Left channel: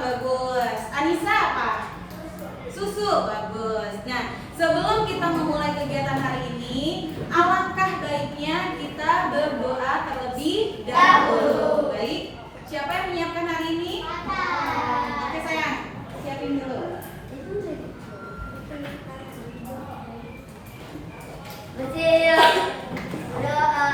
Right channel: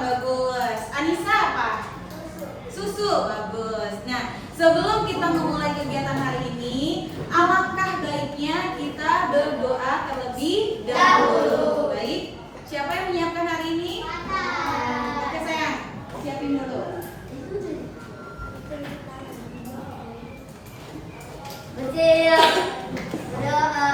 bagus. Anissa apa? Susu, bagus. Nah, sebelum kita memulai kegiatan hari ini, alangkah baiknya kita berdoa terlebih dahulu. Baik, siapa yang menyiapkan hari ini? Oke sayang, siapin dulu. Doa.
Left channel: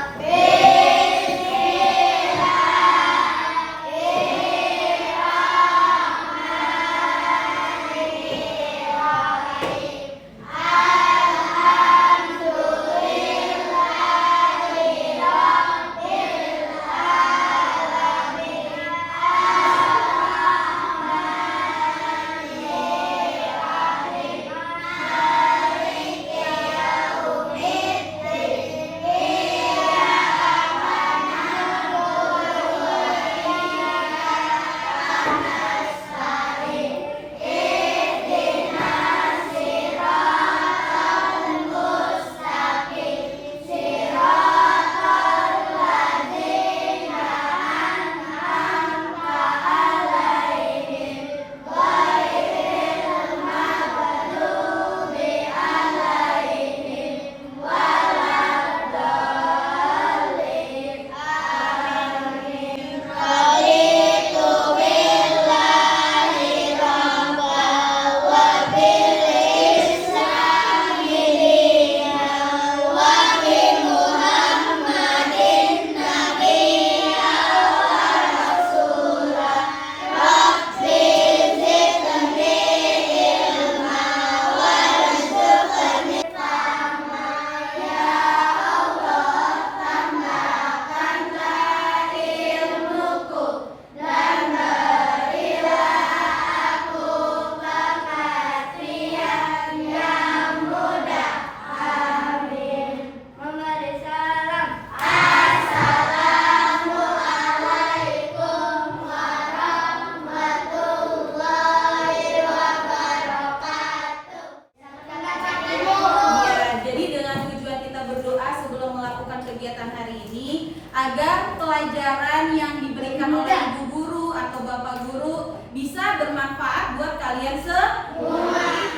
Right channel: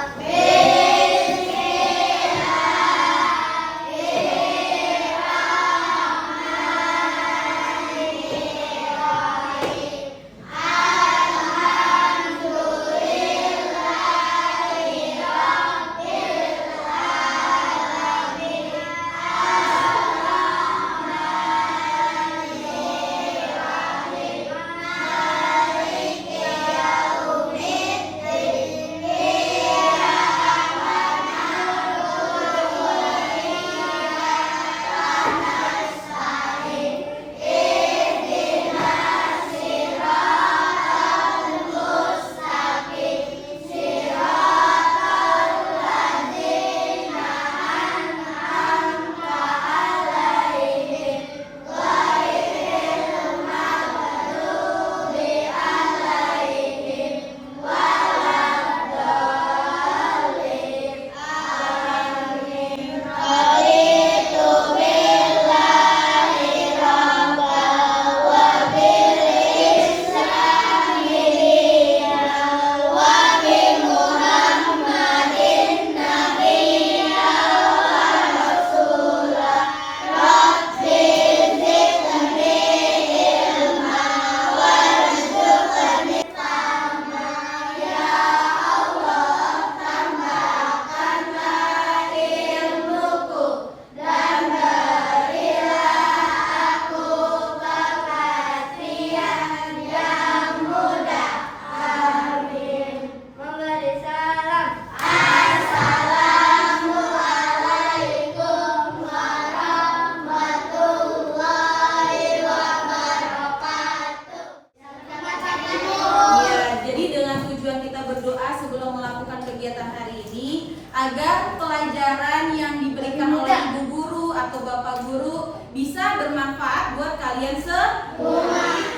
Kegiatan hari ini agar pelajaran yang diberikan oleh ibu guru atau bapak guru bisa bermanfaat buat kalian semua.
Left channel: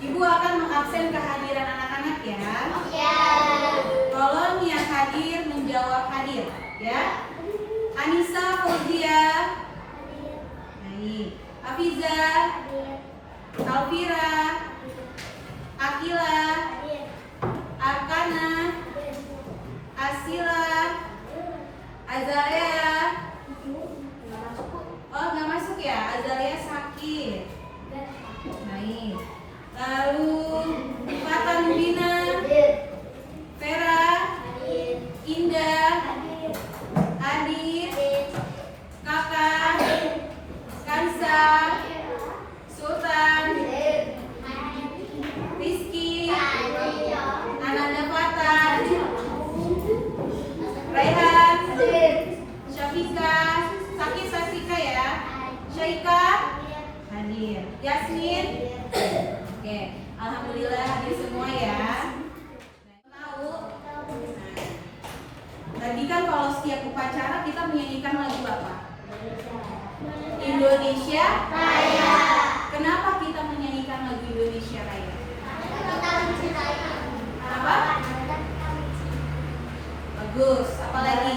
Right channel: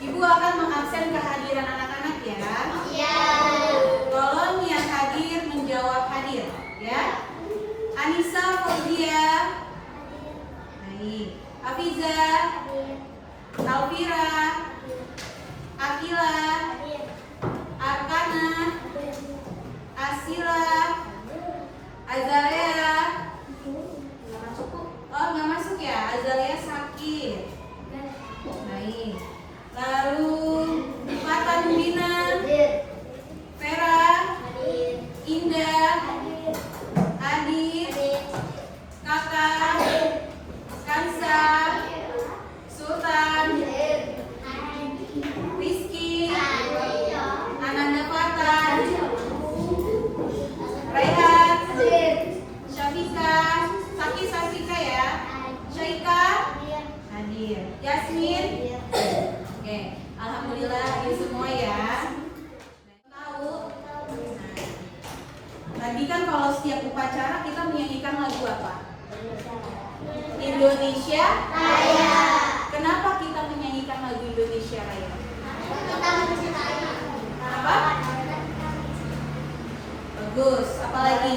Ibu akan mengabsen kehadiran anak-anak ya. Tolong yang hadir menjawab hadir ya. Anissa, Fauzia, Afiza, Alvira, Akila, Arkana, Asila, Azalia. Oh, nggak masuk ya? Azalia sakit. Baik. Lalu Fata Nubina, Vera, Indah, Adit, Kakak, Kansa, Sultan, Rizky, Ananda Fata, Raihan, Syafika, Sasika ya, Syaika, hadir, Yasmin, oke, alhamdulillah hadir semua ya. Tahu? Tadi kan kalau setiap upacara kita menyanyikan lagu apa? Indonesia Raya. Kenapa kita menyanyikan lagu Indonesia Raya? Apa? Bagus. Apalagi?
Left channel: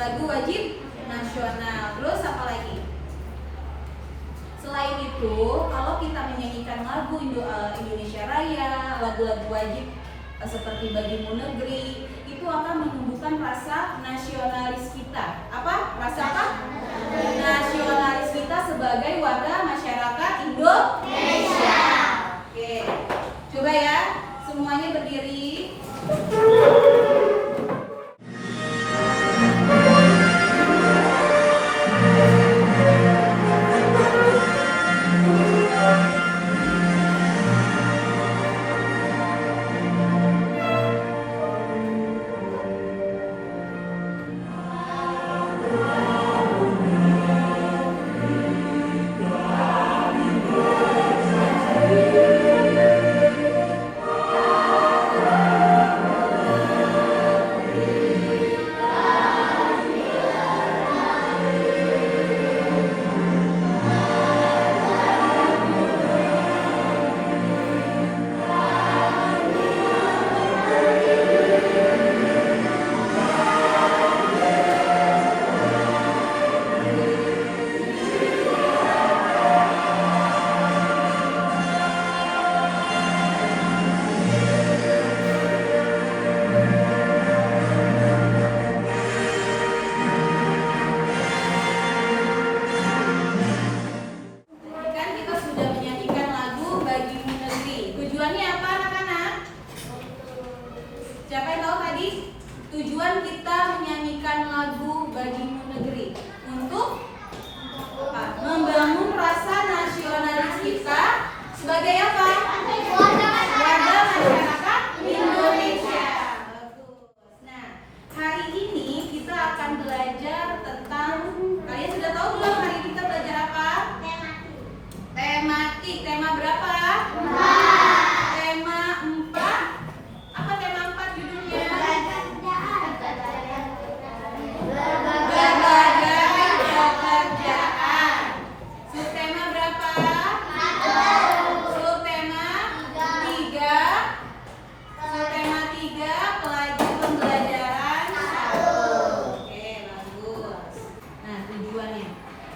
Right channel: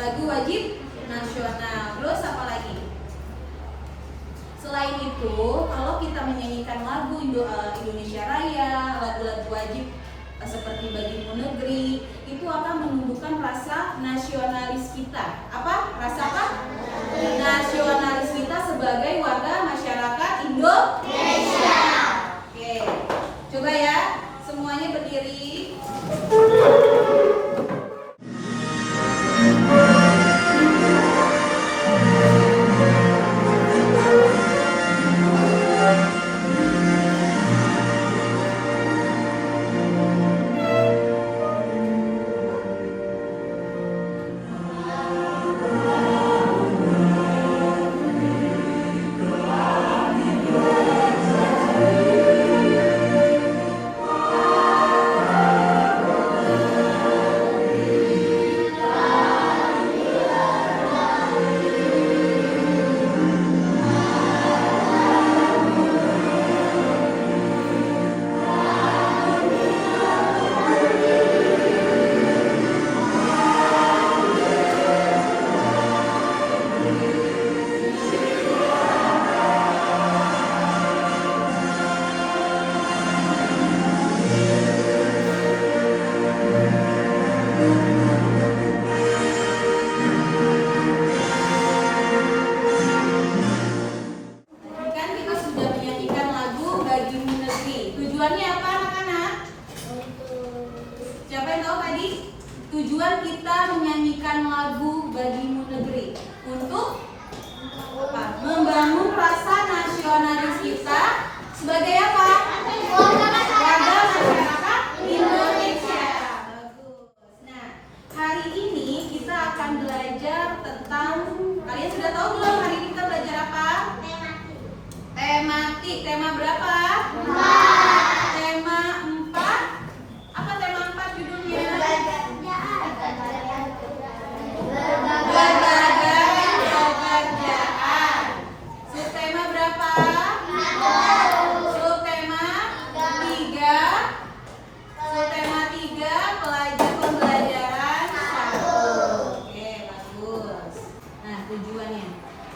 Lagu wajib nasional. Terus apa lagi? Selain itu, kalau kita menyanyikan lagu Indonesia Raya, lagu-lagu wajib seperti Bagimu Negeri, itu akan menumbuhkan rasa nasionalis kita. Apa? Rasa apa? Nasionalis kita sebagai warga masyarakat Indonesia. Oke, coba ya, semuanya berdiri. Siapa yang tahu tadi? Tujuan kita menyanyikan lagu Bagimu Negeri untuk apa? Membangun rasa nasionalis kita sebagai apa? Warga masyarakat Indonesia. Bagus. Nah, hari ini kita akan belajar tentang, kalian sudah tahu belum hari ini kita belajar apa? Tematik. Tema berapa? 4. Tema 4. Apa tema 4 judulnya? Berbagai pekerjaan. Subtema berapa? Subtema 3. Subtema 3 pembelajaran 1. Oke, bagus. Nah, tujuannya.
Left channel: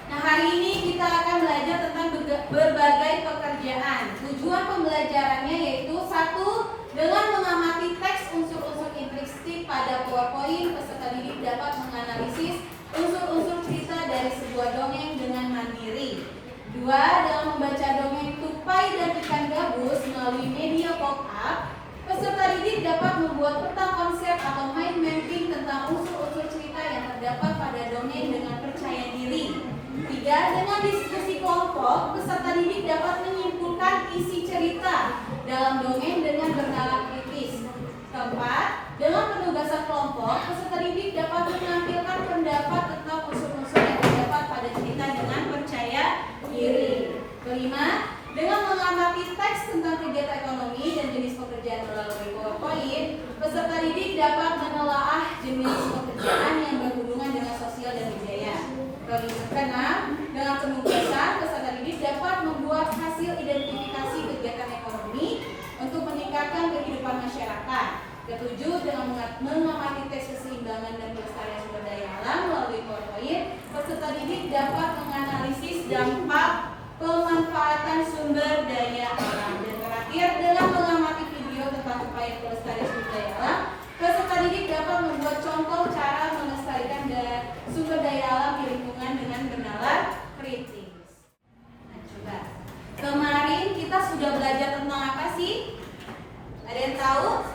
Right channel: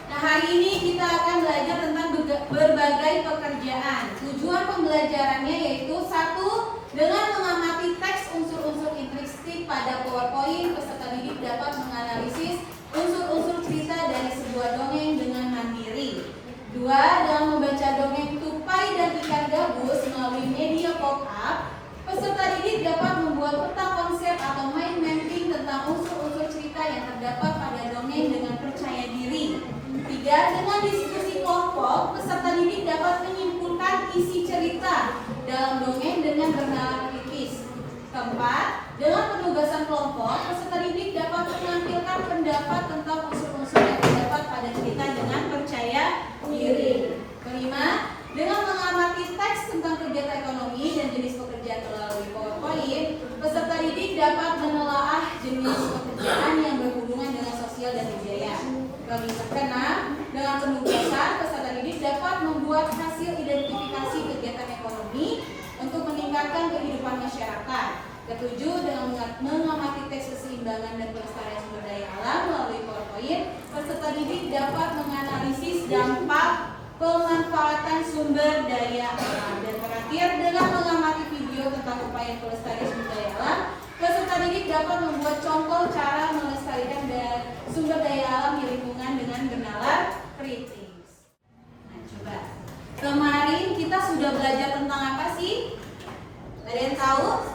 Nah, hari ini kita akan belajar tentang berbagai pekerjaan. Tujuan pembelajarannya yaitu 1. Dengan mengamati teks unsur-unsur intrinsik pada PowerPoint, peserta didik dapat menganalisis unsur-unsur cerita dari sebuah dongeng dengan mandiri. 2. Dalam membaca dongeng Tupai dan Ikan Gabus melalui media pop-up, peserta didik dapat membuat peta konsep atau mind mapping tentang unsur-unsur cerita yang terdapat pada dongeng dengan percaya diri. 3. Dengan diskusi kelompok, peserta didik dapat menyimpulkan isi cerita dalam dongeng dengan bernalar kritis. 4. Dengan penugasan kelompok, peserta didik dapat menampilkan pendapat tentang unsur-unsur yang terdapat pada cerita dengan percaya diri. 5. Dengan mengamati teks tentang kegiatan ekonomi dan jenis pekerjaan melalui PowerPoint, peserta didik dapat menelaah jenis pekerjaan yang berhubungan dengan sosial dan budaya. 6. Dengan penugasan, peserta didik dapat membuat hasil identifikasi kegiatan ekonomi untuk meningkatkan kehidupan masyarakat. 7. Dengan mengamati teks keseimbangan dan pelestarian sumber daya alam melalui PowerPoint, peserta didik dapat menganalisis dampak pemanfaatan sumber daya alam. Dan terakhir, dengan mengamati video tentang upaya pelestarian sumber daya alam, peserta didik dapat membuat contoh cara melestarikan sumber daya alam di lingkungan dengan bernalar kritis. Nah, coba. Kemarin kita sudah belajar tentang apa sih? Ada yang tahu?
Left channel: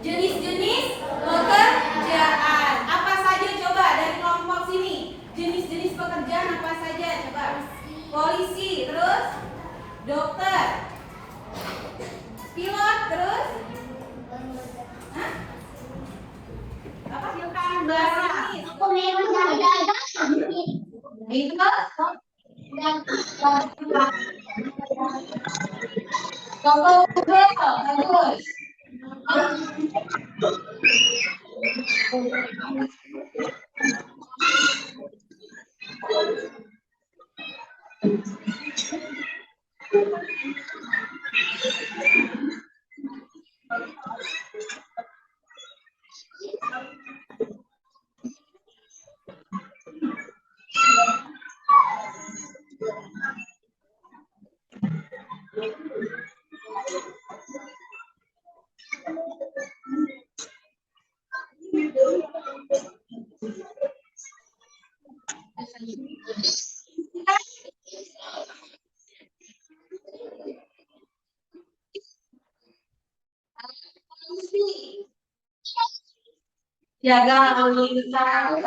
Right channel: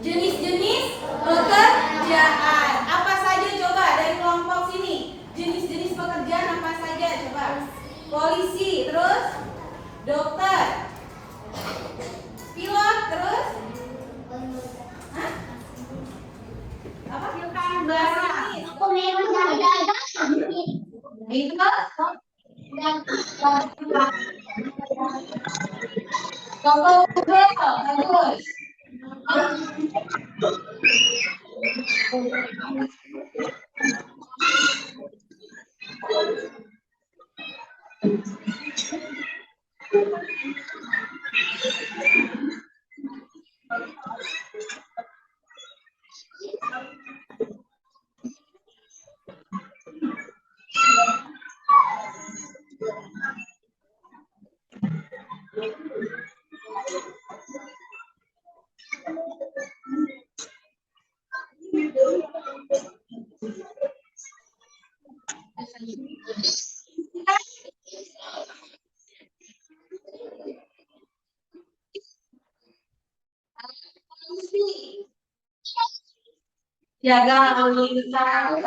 Jenis-jenis pekerjaan. Apa saja coba dari kelompok sini? Jenis-jenis pekerjaan apa saja coba? Polisi, terus dokter, pilot, terus apa? Pilkada. Aku memang ada. Itu Contoh bagus. Jaga lalu lintas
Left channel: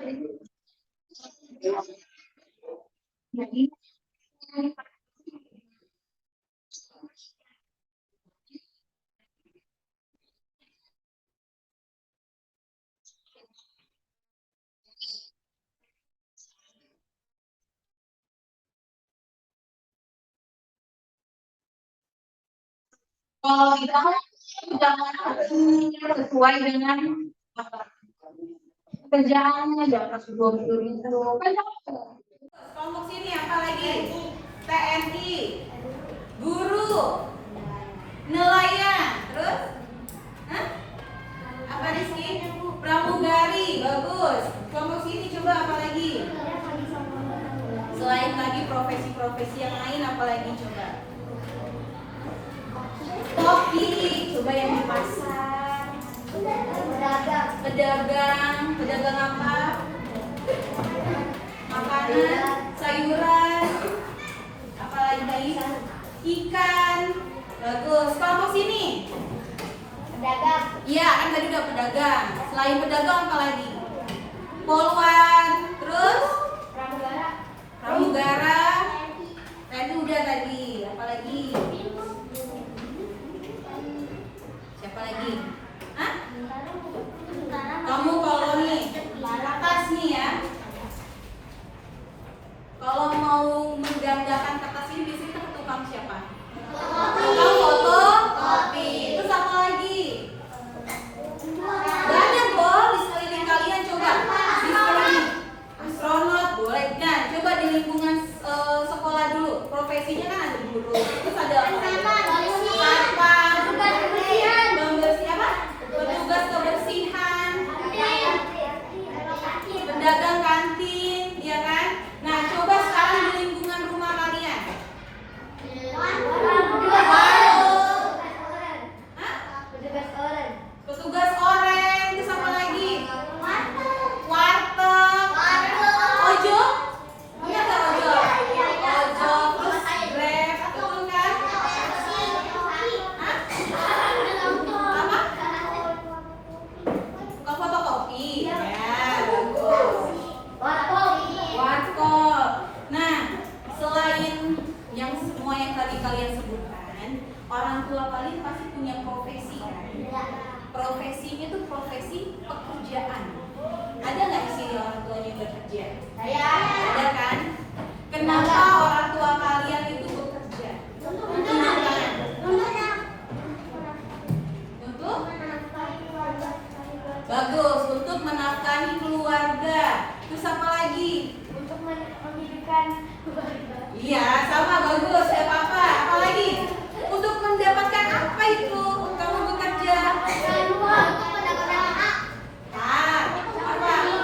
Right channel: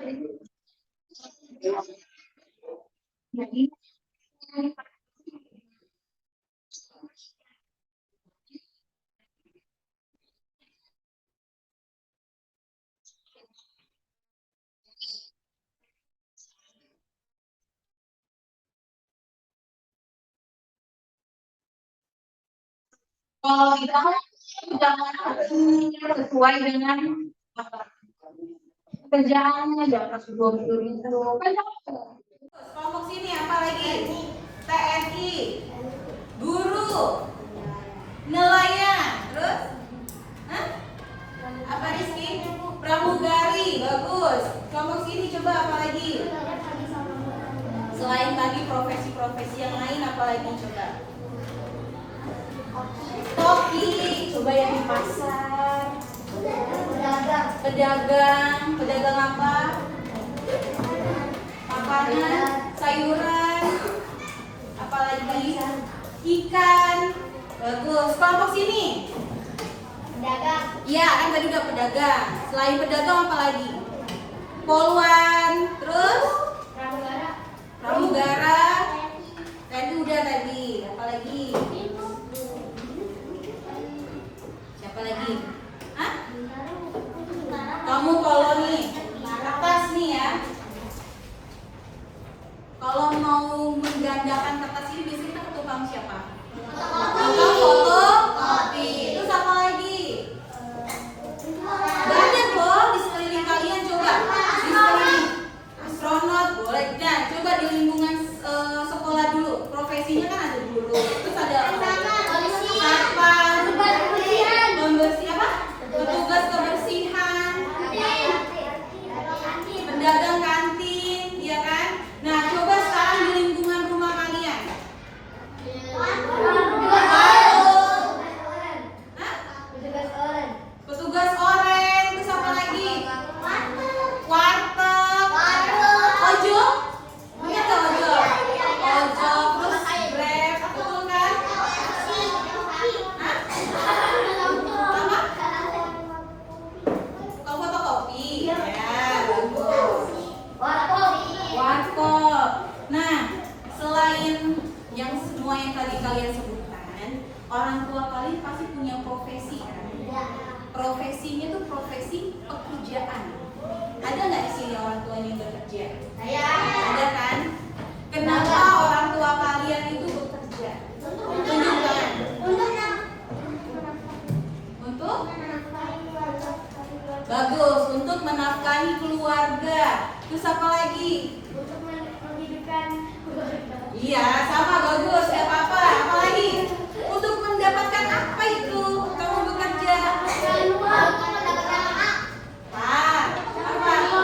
Kalau kita jangan sesuai dengan kerjaannya, jangan betul itu. Kelompok sini apa lagi? TNI, guru, nelayan, terus, apa di sini? Pramugari, bagus. Kelompok sini coba apa lagi? Selain tadi profesi-profesi yang lain, apa lagi coba? Koki, coba yang di pasar. Pedagang apa? Makanan, sayuran, apalagi ikan. Bagus. Kelompok sini. Pedagang. Iya, kan tadi udah pedagang. Selain pedagang apa lagi? Poluan, terus pramugara. Tadi udah tadi. Apalagi? Siapa lagi? Hah? Kamu kalau nih atas nih ya. Kalau mau menggandakan kertas ini biasanya kita ke tukang siapa? Tukang foto, kopi. Terus apa lagi? Banyak loh di sekeliling kalian, coba di sekeliling astronot boleh. Nah, coba di lingkungan sekolah dulu. Profesinya kan ada guru. Terus ada satpam, pembersih apa? Petugas kebersihan, pedagang kantin, ya kan? Nah, coba sekarang di lingkungan rumah kalian. Petugas oren, terus apa lagi? Warteg, ojol, iya nggak ojol? Ojol, terus grab, betul kan? Hah? Apa? Tukang fotokopi, ya bagus. Warkop. Nah, selain yang semua yang tadi kalian sebutkan, orang tua kalian pasti punya profesi kan? Profesinya tuh profesi pekerjaan. Ada nggak di sini orang tuanya yang bekerja? Ada kan? Kenapa orang tua kalian itu bekerja? Tunjukkan. Untuk? Bagus, untuk menafkahi keluarga. Terus apa lagi? Untuk menghidupkan keluarga. Iya, sama bagus. Gak apa-apa. Apa lagi? Untuk mendapatkan apa itu? Kamu bekerja. Apa?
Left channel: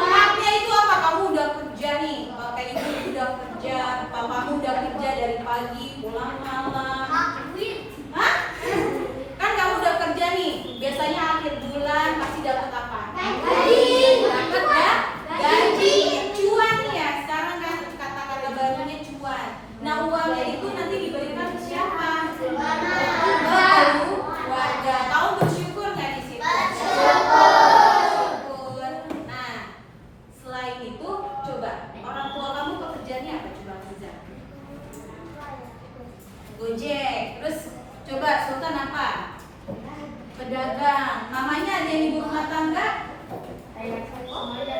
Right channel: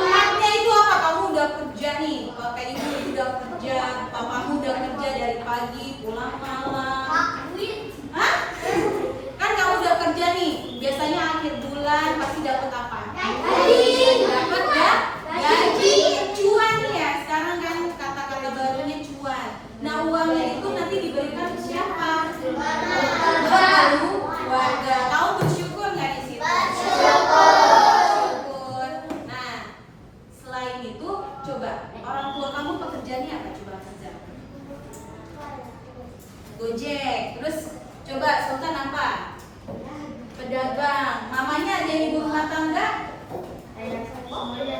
Haknya itu apa? Kamu udah kerja nih. Kakak ibu udah kerja, papamu udah kerja dari pagi pulang malam. Hah? Kan kamu udah kerja nih. Biasanya akhir bulan pasti dapat apa? Dapat ya? Gaji, cuan ya. Sekarang kan kata-kata barunya cuan. Nah, uangnya itu nanti diberikan ke siapa? Keluarga. Kamu bersyukur nggak di situ? Bersyukur. Nah, selain itu, coba orang tua kamu pekerjaannya apa? Coba kerja. Gojek. Terus coba Sultan apa? Pedagang. Mamanya ada yang ibu rumah tangga?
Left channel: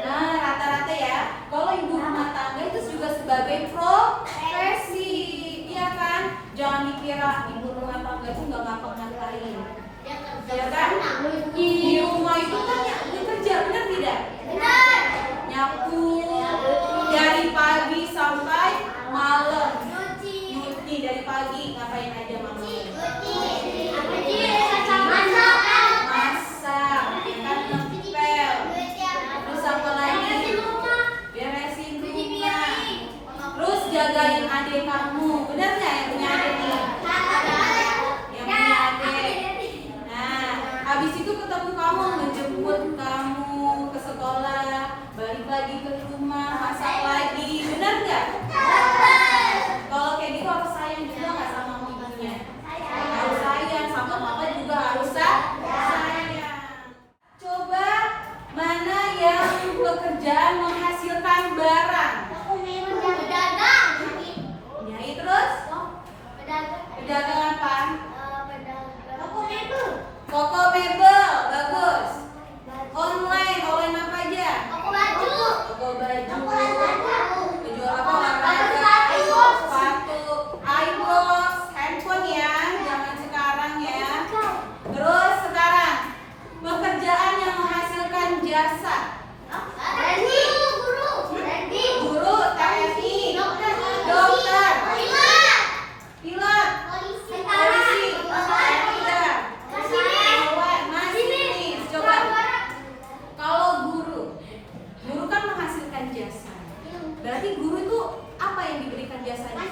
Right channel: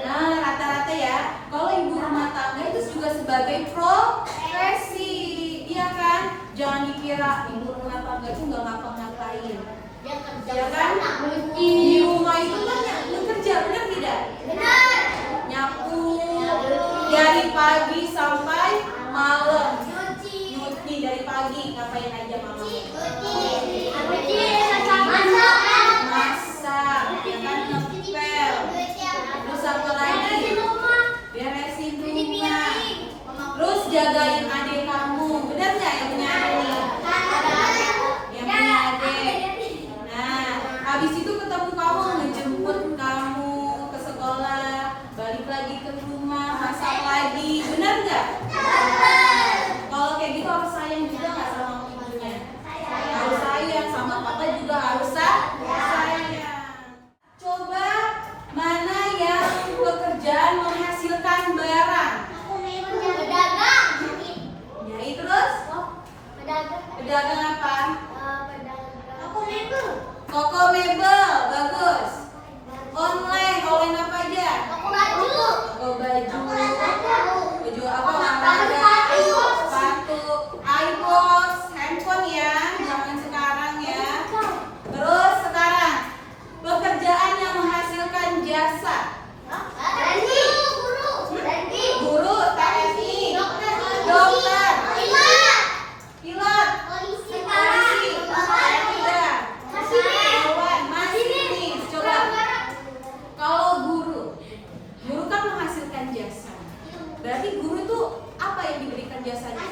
Nah, rata-rata ya. Kalau ibu rumah tangga itu juga sebagai profesi, iya kan? Jangan dikira ibu rumah tangga itu nggak ngapa-ngapain, ya kan? Di rumah itu kan kerja, benar tidak? Benar. Nyapu dari pagi sampai malam. Nyuci dari pagi, ngapain aja mama? Masak, kan ngepel. Terus apa lagi? Beresin rumah. Terus jagain adik kamu. Benar nggak yang punya adik nih? Yang punya adik. Nah, habis itu ketemu kamu, ngejemput kamu ke sekolah, balik lagi ke rumah, masak lagi. Benar nggak? Kalau kayak gitu harus sayang juga nggak sama ibunya? Harus sayang, sama papa juga harus sayang. Coba mana yang pekerjaan menghasilkan Toko mebel, bagus. Online apa aja? Toko baju. Toko baju. Baju apa? Olahraga, sepatu, iPhone, handphone ya, zaman sekarang ya. Terus sekarang pekerjaan yang menghasilkan jasa. Guru, TNI, dokter, pilot, polisi, hewan, masinis. Coba, kalau guru kan menghasilkan jasa. Berarti guru itu apa yang diberikan jasanya?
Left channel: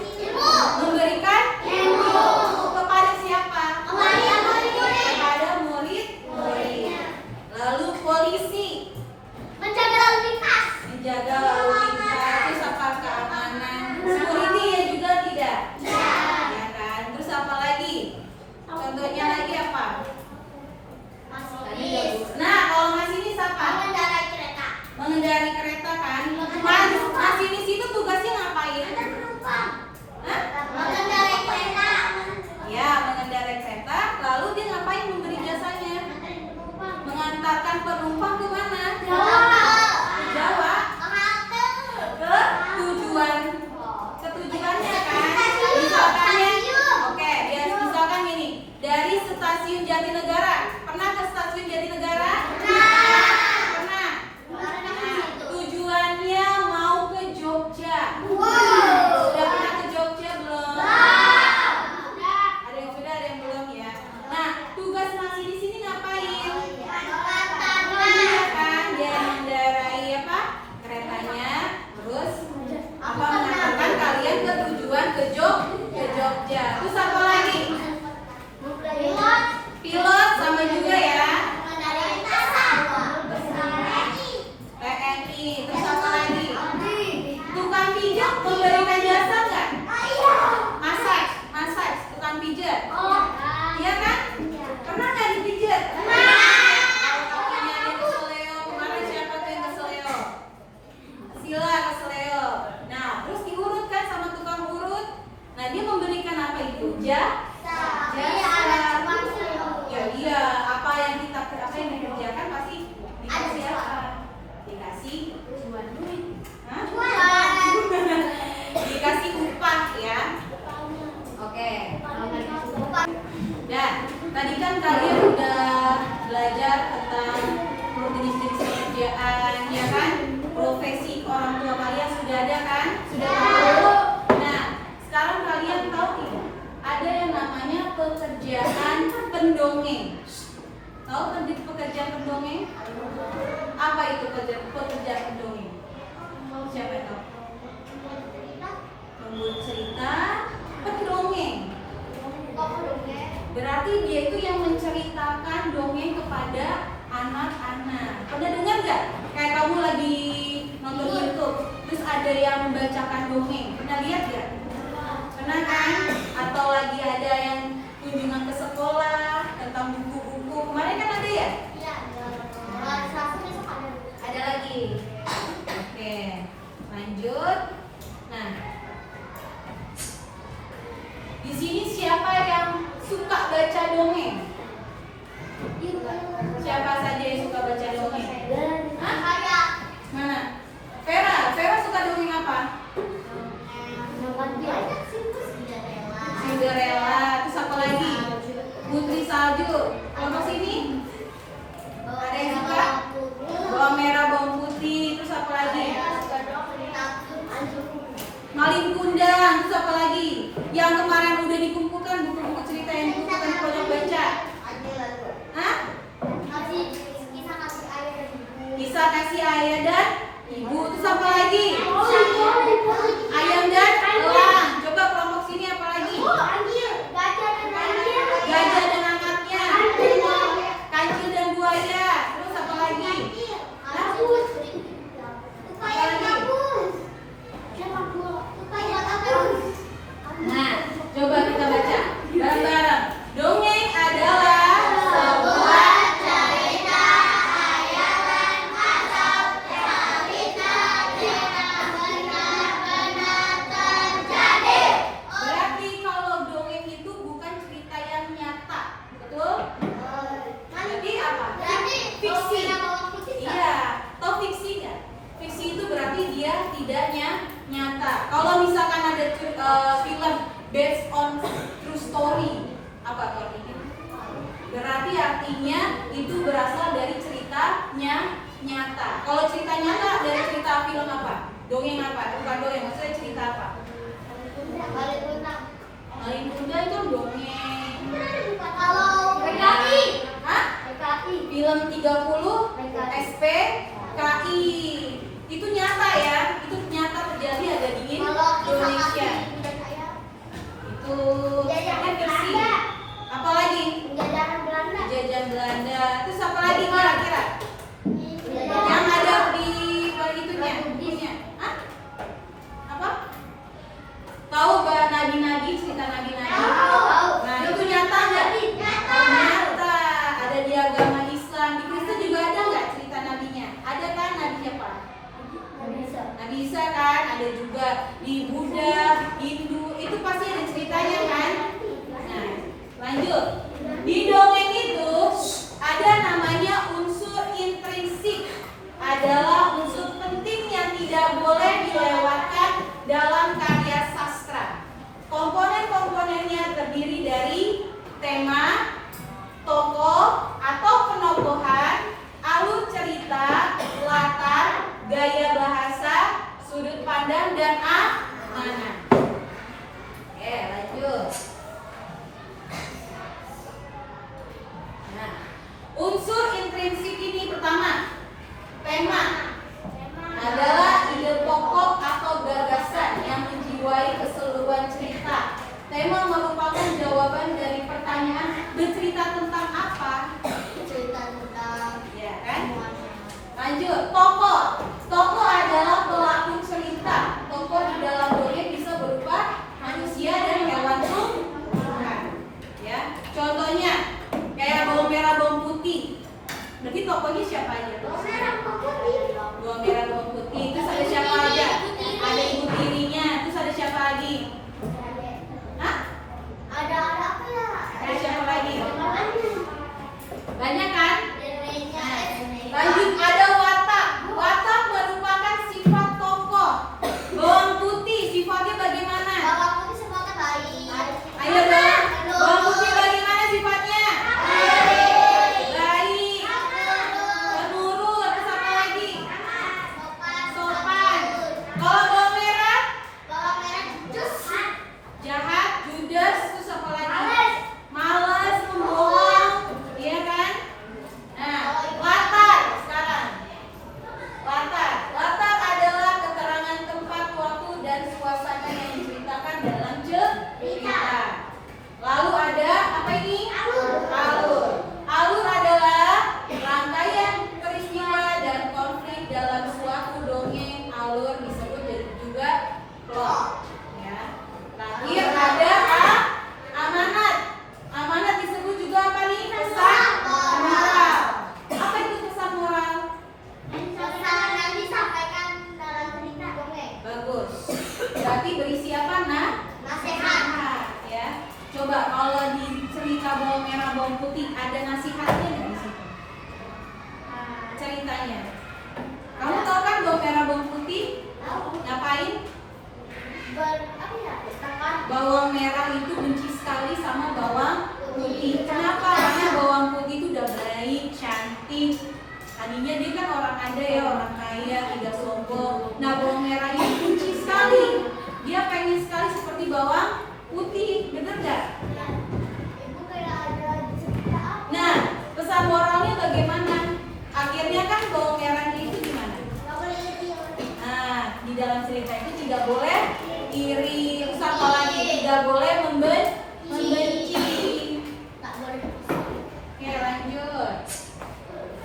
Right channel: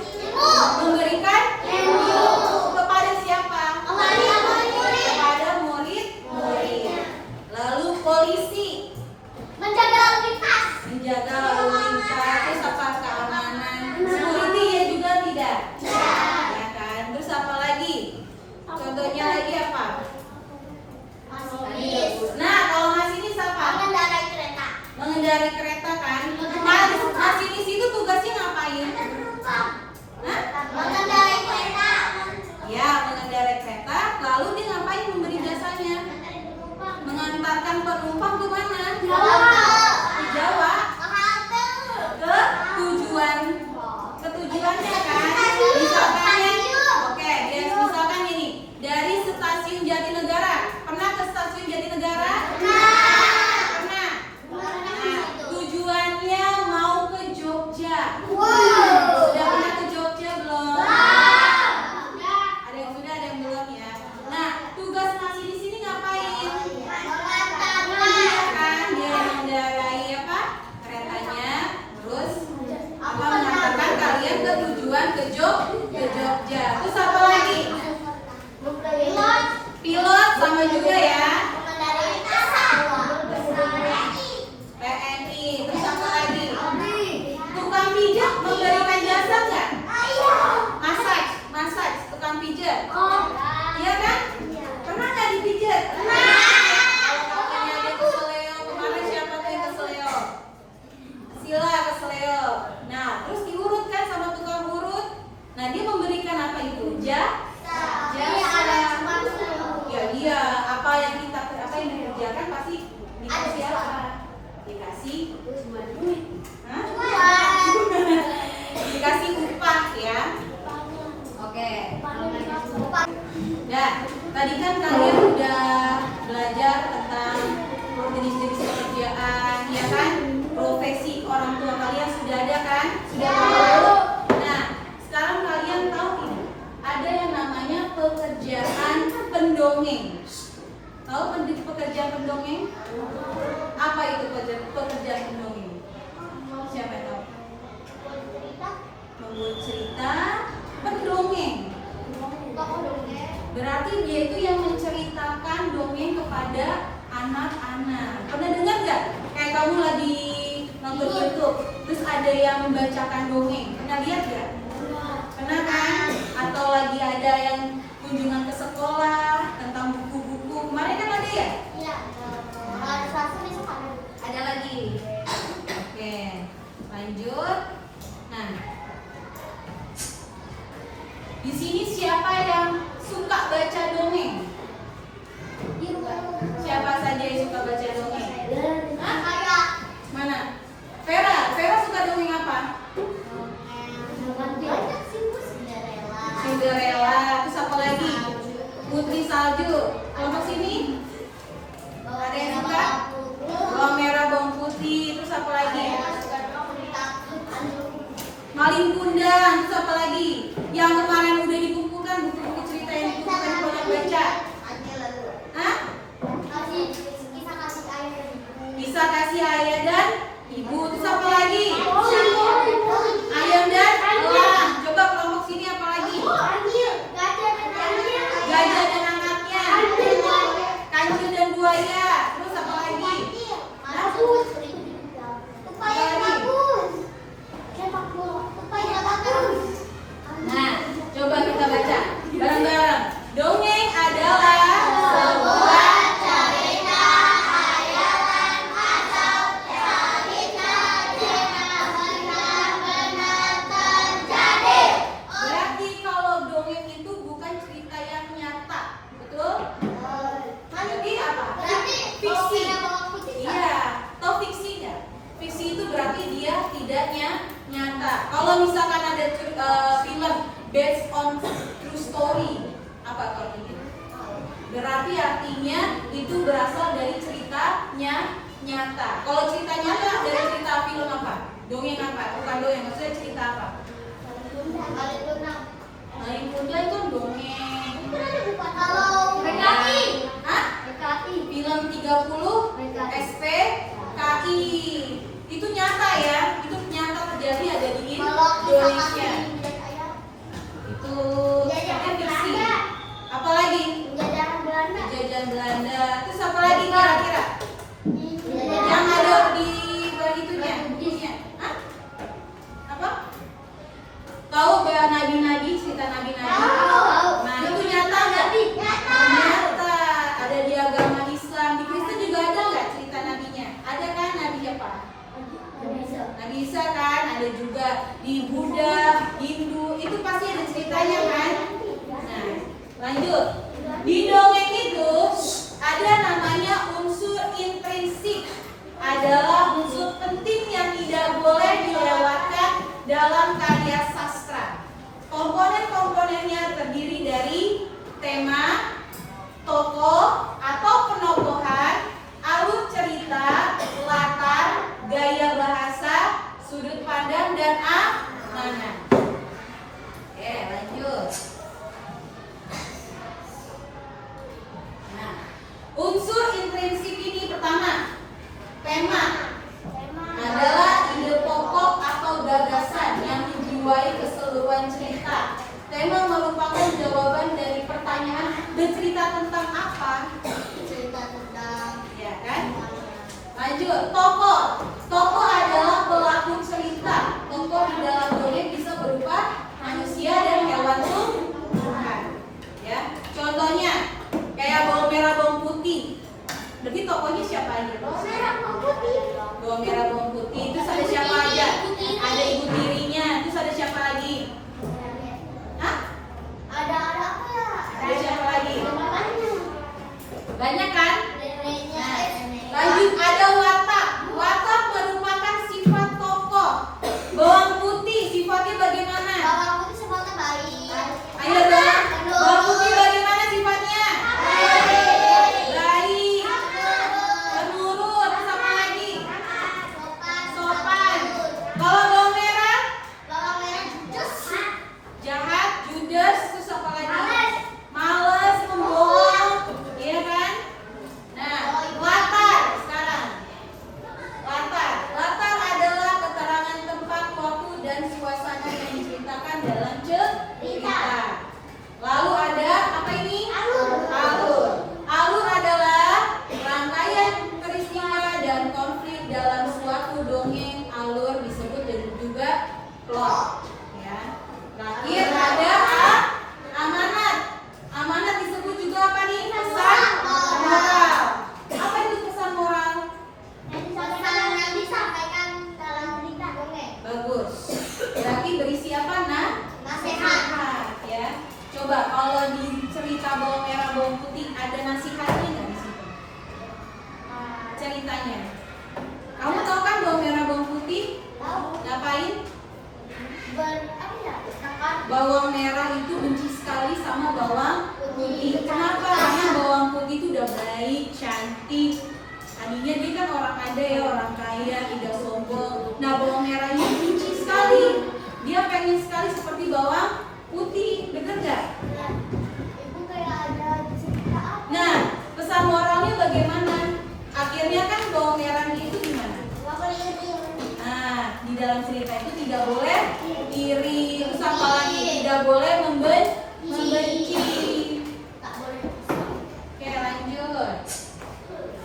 Memberikan ilmu kepada siapa? Kepada murid. Lalu polisi menjaga lalu lintas, terus apa keamanan, security ya juga tidak, ya kan? Terus apa lagi? Contohnya lagi apa? Nah, kalau masinis apa? Mengendarai kereta kan? Masinis itu tugasnya ngapain? Hah? Ya, mengendarai kereta. Lalu dia ngapain memberi jasanya? Mengantarkan penumpang ke mana? Jawa. Ke tujuannya kan? Misalkan ya, oke, misalkan ini dari stasiun Jatinegara. Pernah ke stasiun Jatinegara? Pernah. Nah, tujuannya mau ke Jogja. Sudah pernah ke Jogja belum? Ada yang sudah, ada yang belum ya. Nah, tugas masinis ini ngapain? Iya kan, dia mengendarai apa? Keretanya, terus apa mengantarkan kalian ke tujuan ke Jogja. Terus apa lagi? Pilot sama juga ya. TNI. Terus apa lagi? Tukang pijat memberikan jasa nggak? Masak, tukang pijat. Iya kan? Pernah nggak dipijat? Kalau kakinya dia keseleo, kemarin siapa tuh yang keseleo? Sila keseleo. Nah, terus diurut kan sama tukang urut. Nah, dia memberikan apa itu? Jasa. Ya iya, apa yang dikerjakan pasti dikasih apa? Dikasih duit. Hah? Dikasih upah ya. Oke. Dan tadi kan kalian udah belajar tentang jenis-jenis pekerjaan, ya kan? Profesi orang tua kalian sudah ada kan? Sudah tahu. Nah, sekarang kalian tahu tidak? Ada yang namanya pekerjaan pendongeng. Tahu pekerjaan pendongeng? Apa itu pekerjaan pendongeng? Siapa yang tahu? Membuat cerita pendongeng. Berarti dia itu yang menceritakan dongeng kepada anak-anak. Pernah dengar nggak? Kayak kamu lagi nonton YouTube, terus ada yang membacakan dongeng. Pernah lihat nggak? Pernah kan? Atau lagi ada yang kunjungan ke sekolah tentang buku-buku. Kemarin kan ada ya? Ada lagi. Oke, lanjut. Nah, di sini siapa yang suka baca dongeng? Siapa saja yang suka baca dongeng? Hah? Mana? Vera suka dongeng apa? Cinderella. Terus apa lagi? Putri Salju. Kelompok sini? Ada yang suka? Bawang merah, bawang putih. Terus apa lagi? Malin Kundang. Terus apa lagi? Yang kemarin udah dikumpulkan buku-buku cerita yang dikumpulkan di pojok baca. Hah? Kisah kasih ayah dan ibu. Terus apa lagi? Ayam dan elang. Coba kelompok sini apa lagi? Gajah dan anaknya. Kancil dan buaya. Terus apa lagi? Apa lagi? Nah, coba kita baca bareng-bareng. Dongeng adalah sebuah cerita, hayalan atau Berarti artinya itu berasal dari ceritanya nyata. Kalau cerita nyata dari cerita film apa? Dongeng apa? Bukan dongeng, maksudnya cerita apa? Malin Kundang itu dongeng. Kalau PKI. Hah? PKI. Film 30 SPKI. Itu nyata ya, itu nyata terjadi ada di Indonesia. Itu sebenarnya fiksi. Apalagi? Jajahan Belanda. Terus apa lagi kira-kira? Yang ada di itunya, bukunya. Hah? Apa? Tahu gak nabi-nabi, cerita nabi-nabi? Nah, itu nyata nggak? Nyata. Ada di agama Islam. Di Kristen juga ada nggak cerita nabinya? Ada kan nabi siapa? Nabi Isa kan? Ada juga di Buddha, Hindu. Itu pasti ada ceritanya kan? Nah, lanjut. Di dongeng itu ada namanya unsur intrinsik. Adalah unsur penting yang tidak boleh dilewatkan dalam karya sastra. Komponen-komponennya terdiri dari tema, tokoh atau penokohan, alur cerita, latar, gaya bahasa, sudut pandang, dan amanat. Oke, lanjut. Nah, unsur intrinsik ini pertama, tema adalah ide pokok atau gagasan yang menjiwai keseluruhan cerita. Tema merupakan jawaban dari pertanyaan bercerita tentang apa? Ya kan? Lanjut, tokoh. Tokoh adalah pelaku cerita. Tokoh di dalam dongeng bisa berupa manusia dan hewan tumbuhan. Ya, contohnya kayak bawang merah, bawang putih. Berarti tokohnya siapa aja? Bawang merah, bawang putih. Terus ada siapa aja? Ada ibu tirinya. Terus ada siapa lagi? Hah? Ada siapa lagi? Banyak kan? Nah, lanjut ada watak. Watak merupakan sifat tokoh. Bawang putih sifatnya bagaimana? Ayo dong. Bawang putih bagaimana sifatnya? Baik. Penurut. Terus apa lagi? Sopan. Kalau bawang merah? Jahat, judes. Terus apa lagi? Malas, pembohong. Iya kan? Nah, latar sekarang. Latar adalah keterangan tempat, waktu, dan suasana yang diceritakan dalam cerita. Lalu ada apa ini? Alur adalah rangkaian peristiwa dan konflik dalam suatu dongeng. Alur disebut juga plot. Ya. Terakhir ada amanat. Amanat disebut juga apa nih? Pesan moral. Apa itu pesan moral? Bagus. Berarti berisi apa? Nasihat. Ya. Coba kalau di cerita bawang merah bawang putih ada nasihatnya nggak di situ? Ceritanya. Kamu tahu kan bawang merah bawang putih? Ngapain? Bawang merah itu benci sekali sama bawang putih. Kenapa? Karena bawang putih itu udah baik, cantik. Tadinya dia kan orang ada ya, orang kaya, tidak sombong. Nah, bawang merahnya benci sekali. Dia pengen sekali seperti bawang putih, bener nggak? Nah, pesan moralnya bagaimana? Akhirnya kan bawang merahnya itu gimana? Nah, di dalam cerita itu tidak boleh iri, terus apa lagi? Tidak boleh membenci. Oke, lanjut.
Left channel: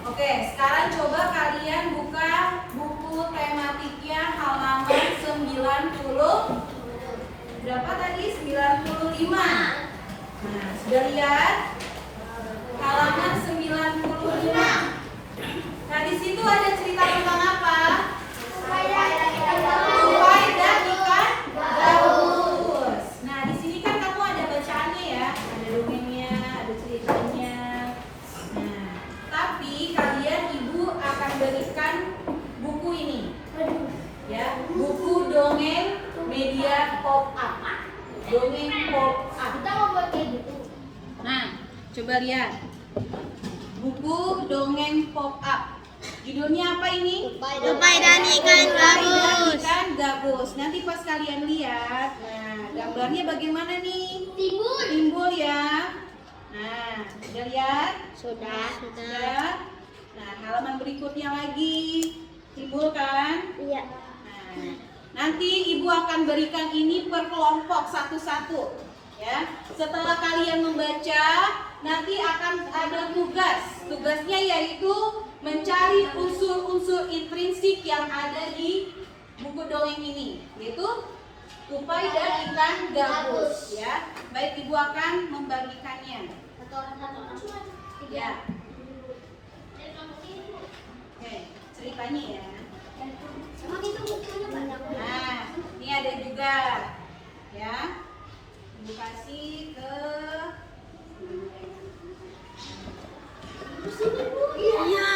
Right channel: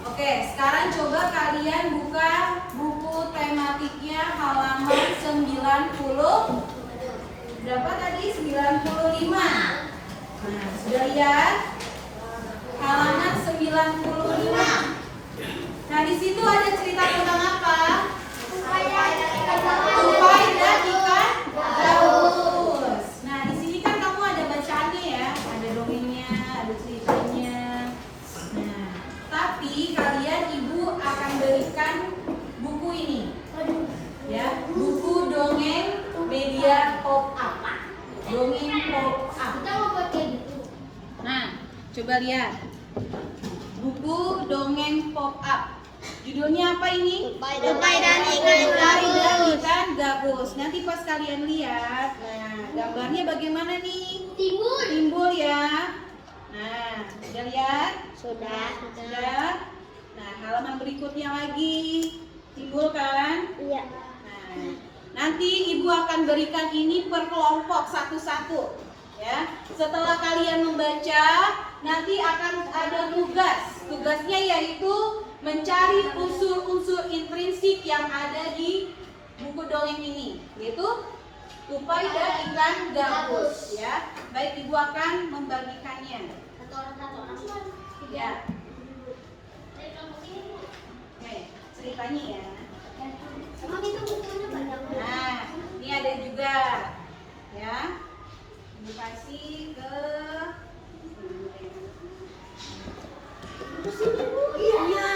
Oke, sekarang coba kalian buka buku tematiknya halaman 90. Berapa tadi? 95. Nah, sudah lihat? Halaman 95. Nah, di situ ada cerita tentang apa? Tupai dan ikan gabus. Nah, di sini kan kamu ada bacaannya ya, ada dongengnya, ada ceritanya. Nah, tapi kalian ibu akan berikan buku ini, ya, buku dongeng media pop up, dongeng pop up. Nah, coba lihat. Buku dongeng pop up. Judulnya apa ini? Tupai dan ikan Tupai dan gabus. ikan gabus. Nanti pas kalian lihat, nah gambarnya bagaimana nih? Timbul. Timbul ya. Nah, udah lihat? Sudah. Sudah. Nah, halaman berikutnya lagi. Timbul kan? Iya. Nah, nanti ibu akan berikan ini per kelompok satu-satu. Ya. Setelah kalian membaca, nanti akan ada tugas. Tugasnya yaitu mencari unsur-unsur intrinsik yang ada di buku dongeng ini, yaitu tupai dan ikan gabus. Ya. Baik, ibu akan membagikannya. Ya. Oke, ceritanya ya. Nah, ini ada juga, ya. Ibu kasih ke Iya.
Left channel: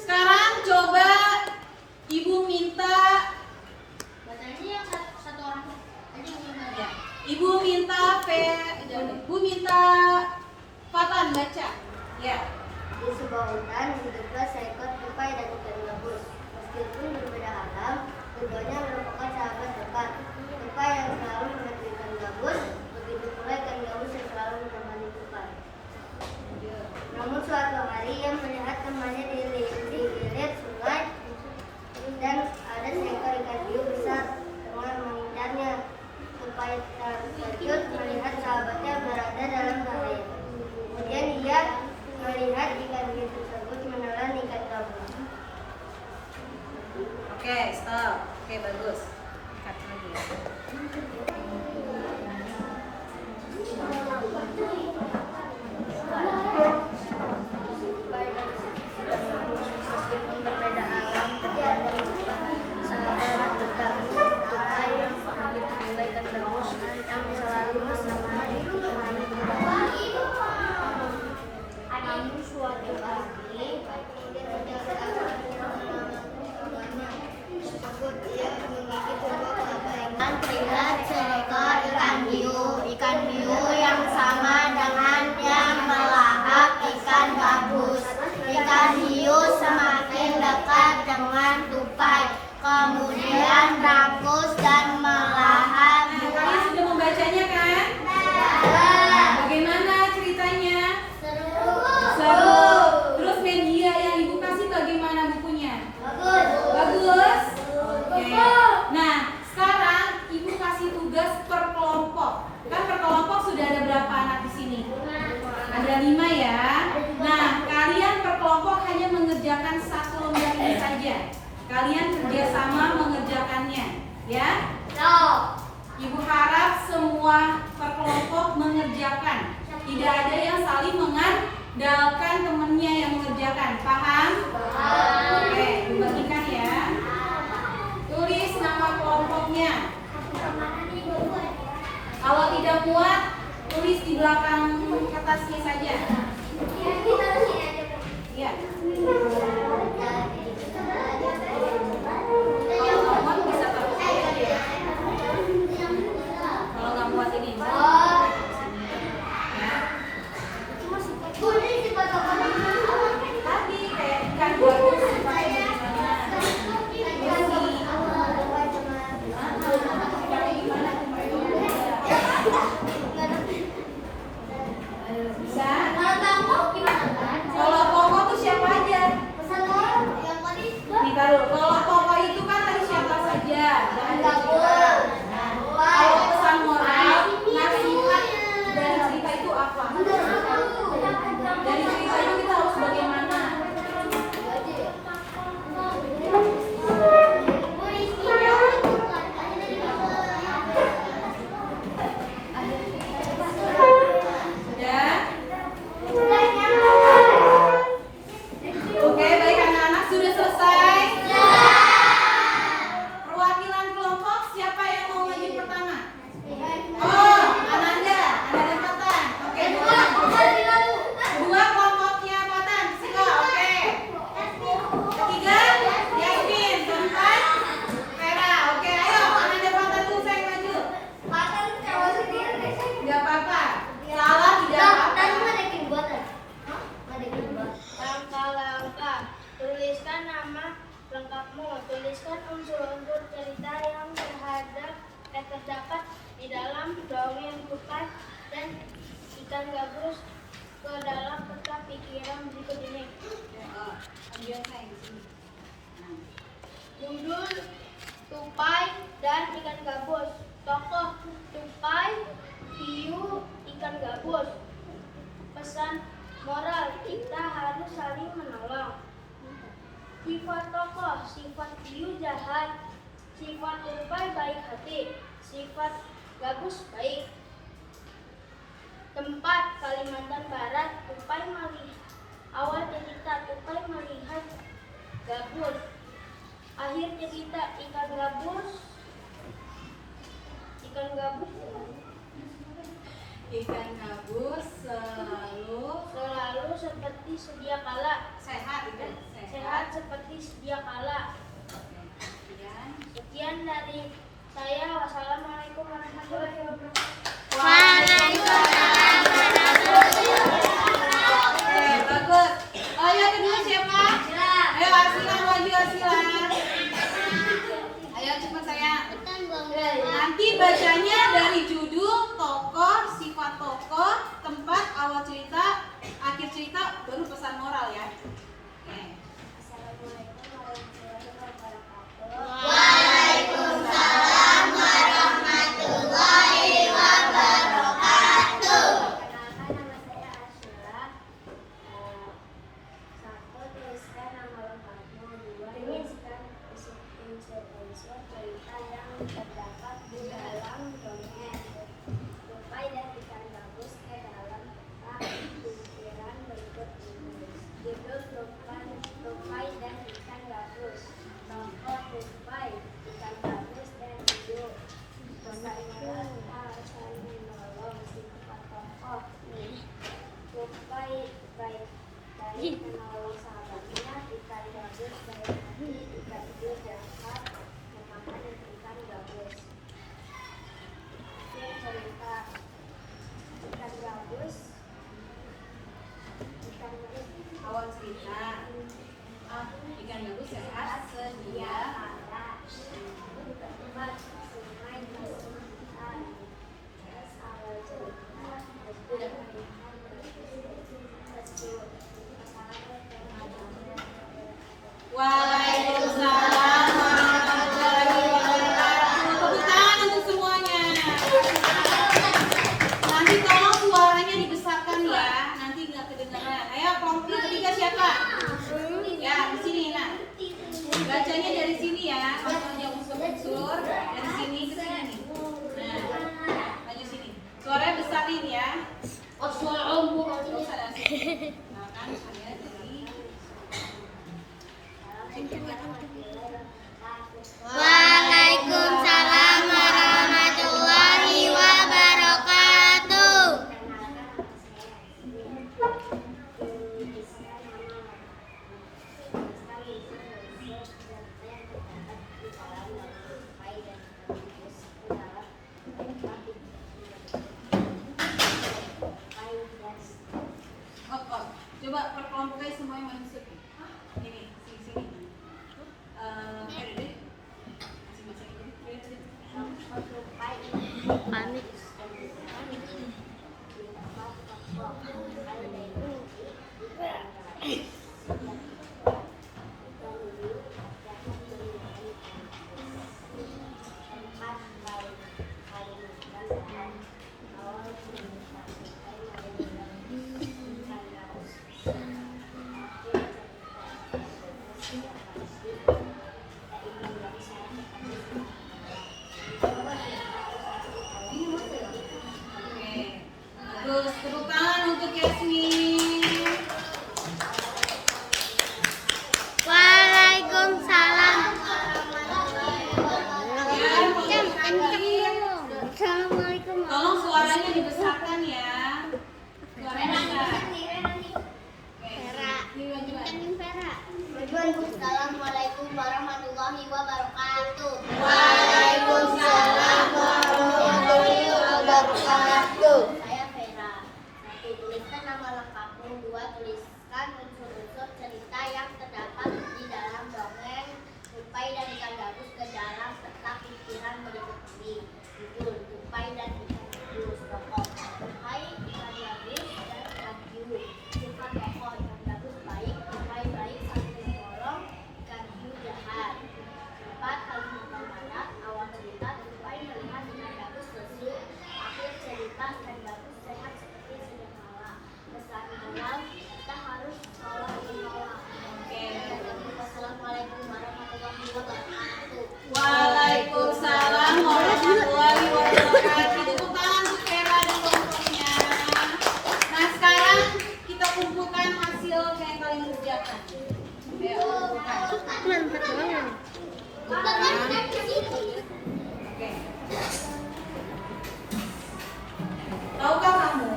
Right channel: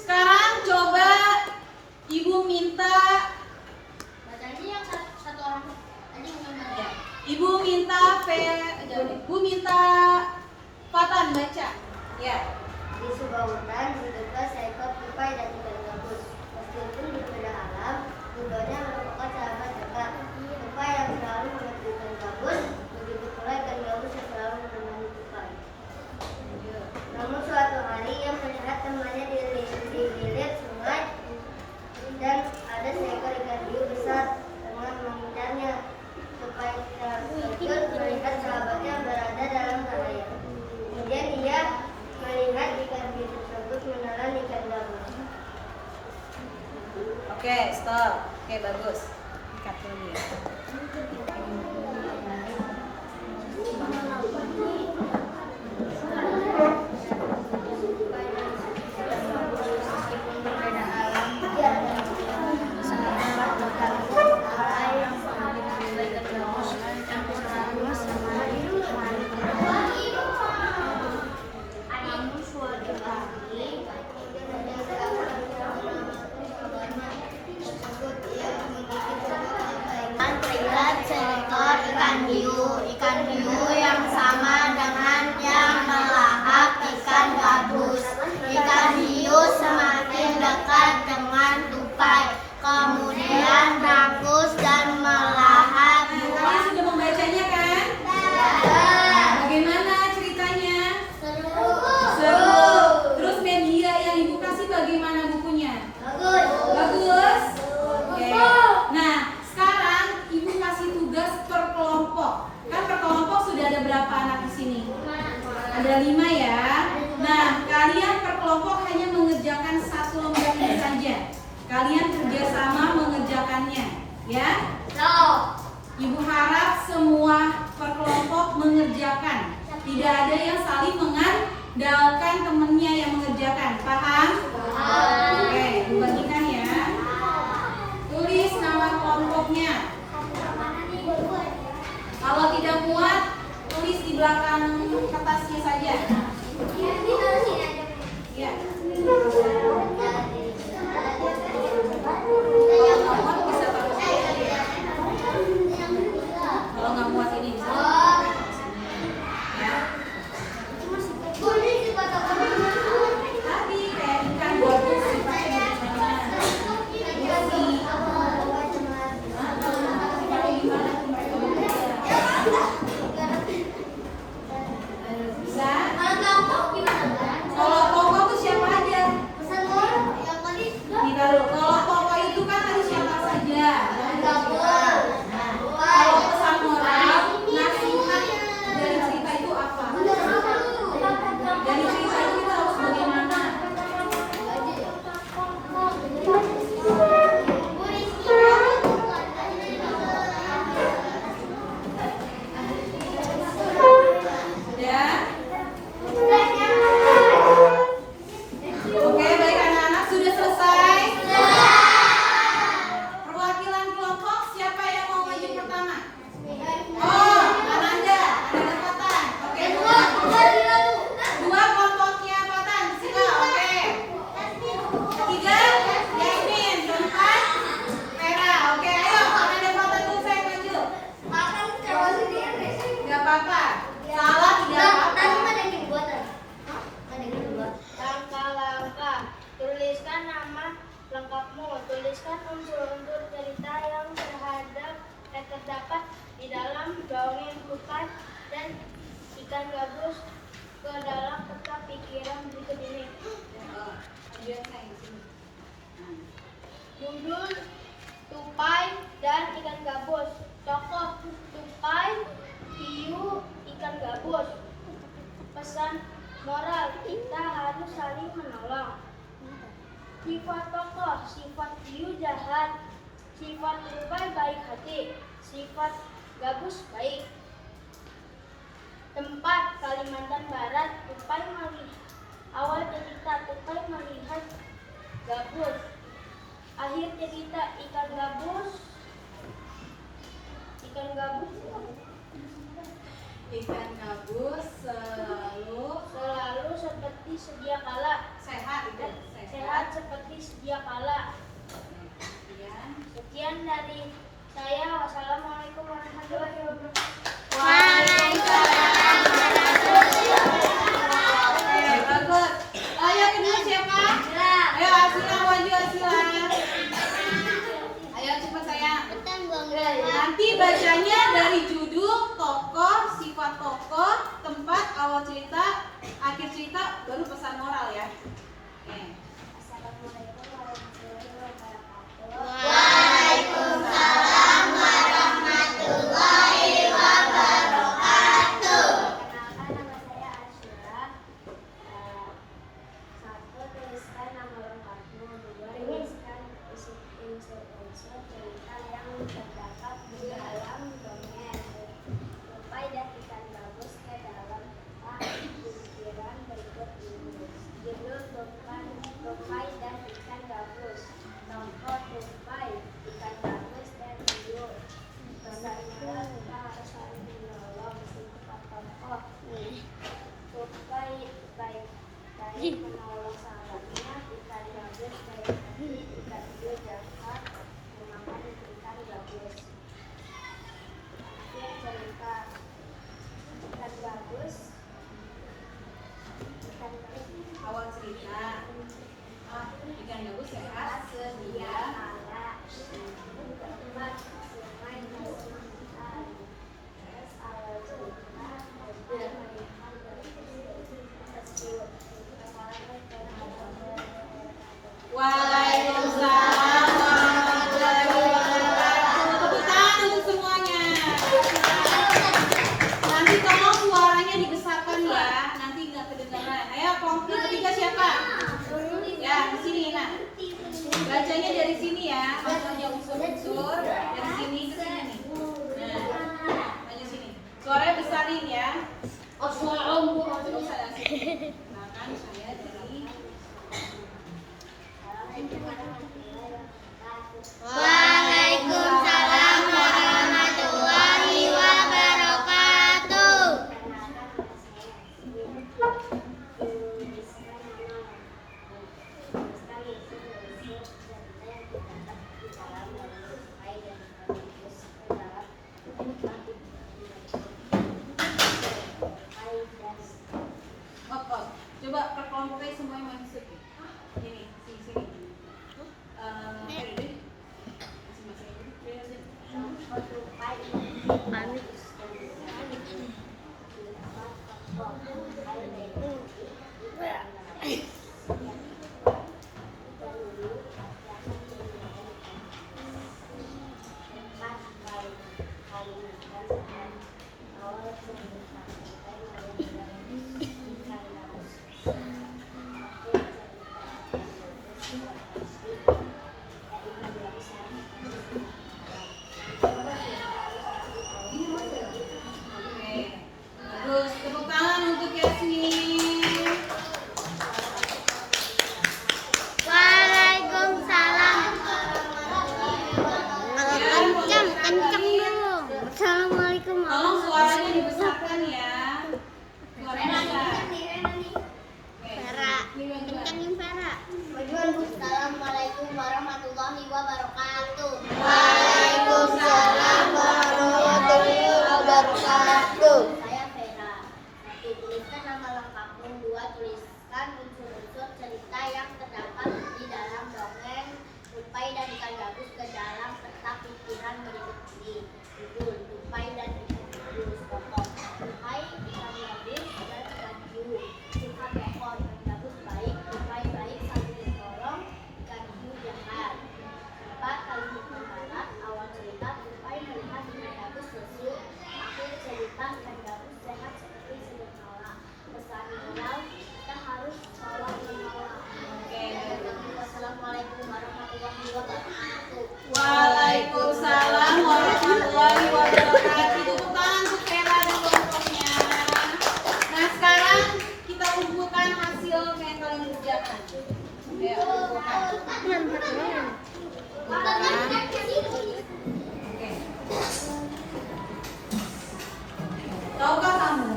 sekarang coba ibu minta, ya, ibu minta Fatan baca, ya. Di sebuah hutan hiduplah seekor tupai dan ikan gabus. Meskipun berbeda alam, keduanya merupakan sahabat dekat. Tupai yang selalu membantu ikan gabus, begitu pula ikan gabus yang selalu menemani tupai. Namun suatu hari ia melihat temannya dililit sungai dan ada seekor ikan hiu besar tengah mengincarnya. Tupai terkejut melihat sahabatnya berada dalam bahaya. Kemudian ia melihat ikan hiu tersebut menelan ikan gabus. Oke, stop. Oke, bagus. Ikat dulu ya. Tupai dan ikan gabus meskipun berbeda alam, sahabat dekat. Tupai yang begitu juga ikan gabus yang selalu menemani namun suatu hari kemudian menjadi akan menyelamatkan sahabatnya tersebut. Ia memiliki sebuah keabaikan. Terlihat seekor ikan hiu yang sama dengan yang melahap ikan gabus. Ikan hiu semakin dekat dengan tupai, kemudian rakus dan melahap Nah, kalian sudah membacanya kan? Bagaimana ceritanya? Seru. Terus media yang ibu kasih bagaimana bukunya? Bagus. Oke. Nah, sekarang ibu kasih tugas per kelompok. Kan per kelompok sudah ada berapa anak di sini? Ada 5 ya. Nah, kalian per kelompok hanya mengerjakan satu lembar ini saja. Kalian kerjasama mengerjakannya, ya. Ibu harap semua per kelompok mengerjakan. Tidak ada yang saling mengandalkan temannya yang mengerjakan. Paham? Oke, dibagikan ya. Tulis nama kelompoknya. Kalau tidak muat, tulis di belakang kertasnya saja. Ya. Kalau nggak muat bisa taruh saya aja ya. Kalau nggak muat ini bisa taruh di sini. Ya. Tadi kayak ikan gabus sifatnya gimana? Bisa? Kalau kelompok tuh siapa ikan gabus ke dalam peta pikiran berikut ini. Judul Tupai dan ikan gabus. Tokoh Tupai, hiu, ikan gabus. Pesan moral, kita harus saling menolong. Sifat tokoh, sifat hiu jahat, sifat tupai baik hati, sifat gabus baik. Tempat Kalimantan Barat, tupai melihat. Awal cerita, tupai melihat gabus. Akhir cerita, ikan gabus. Ikan gabus selalu seperti sedia kala. Sehat seperti sedia kala. Sekian dari saya. Wassalamualaikum warahmatullahi wabarakatuh. Waalaikumsalam. Bagus. Yang kedua siapa? Ayo Asila, maju Asila. Ayo cepat sayang. Nanti bacanya dari judul, tokoh, sifat tokoh, tempat, awal cerita, akhir cerita, baru pesan moral ya. Assalamualaikum warahmatullahi wabarakatuh. Waalaikumsalam warahmatullahi wabarakatuh. Perkenalkan, nama saya Asyura. Satu, tuliskan nama lengkapmu. Dua, tuliskan unsur-unsur cerita yang terdapat di dalam dongeng. Tupai dan ikan gabus ke dalam peta pikiran berikut ini. Judul Tupai dan ikan gabus. Tokoh tupai, ikan gabus dan hiu. Pesan moral, kita harus saling menolong. Sifat tokoh, tupai baik menolong sahabatnya, ikan gabus baik hati, ikan hiu jahat memakan ikan gabus. Akhir cerita, ikan gabus Awal cerita. Ikan gabus sehat sedia. tempat sungai Kalimantan. Terus awal cerita, aku melihat peristiwa. Assalamualaikum warahmatullahi wabarakatuh. Waalaikumsalam warahmatullahi wabarakatuh. Tepuk tangan untuk semuanya. Nanti tolong suaranya dibesarkan ya, nanti nggak kedengaran. Ayo kelompok ketiga siapa? Ya, di sini nah. Bacanya dari sini ya, maksudnya unsur-unsur dari sini ke sini nih. Nah, maju sini. Suaranya besarin ya. Terus ada sini. Makan saya dari. Assalamualaikum warahmatullahi wabarakatuh. Waalaikumsalam warahmatullahi wabarakatuh. Perkenalkan, nama saya Yasmin. Tuliskan nama tuliskan unsur-unsur cerita yang terdapat di dalam dongeng tupai dan ikan gabus ke dalam peta tupai dan Oh. Coba perkelompoknya semuanya masuk. Ini, sini. Masing-masing. tokoh tupai. Panik. Tokoh tupai baik hati, ikan gabus. Ikan hiu jahat memakan ikan gabus. Tempat baik Kalimantan Barat. Awal cerita, tupai melihat ikan gabus. Akhir cerita, ikan gabus sudah pasti. Dan ikan gabus yang Oke. Terus tepuk tangan untuk Yasmin. Waalaikumsalam. Ya, Assalamualaikum. tolong suaranya dibesarkan ya. Suaranya besar. Vera. Ikan Vera. Assalamualaikum warahmatullahi wabarakatuh. Waalaikumsalam warahmatullahi wabarakatuh. Saya Vera. Satu, tuliskan nama lengkapmu. Dua, tuliskan unsur-unsur cerita yang terdapat di dalam dongeng Tupai dan ikan gabus ke dalam peta pikiran berikut ini. Judul Tupai dan ikan gabus. Tokoh Oke. Tahukah kamu?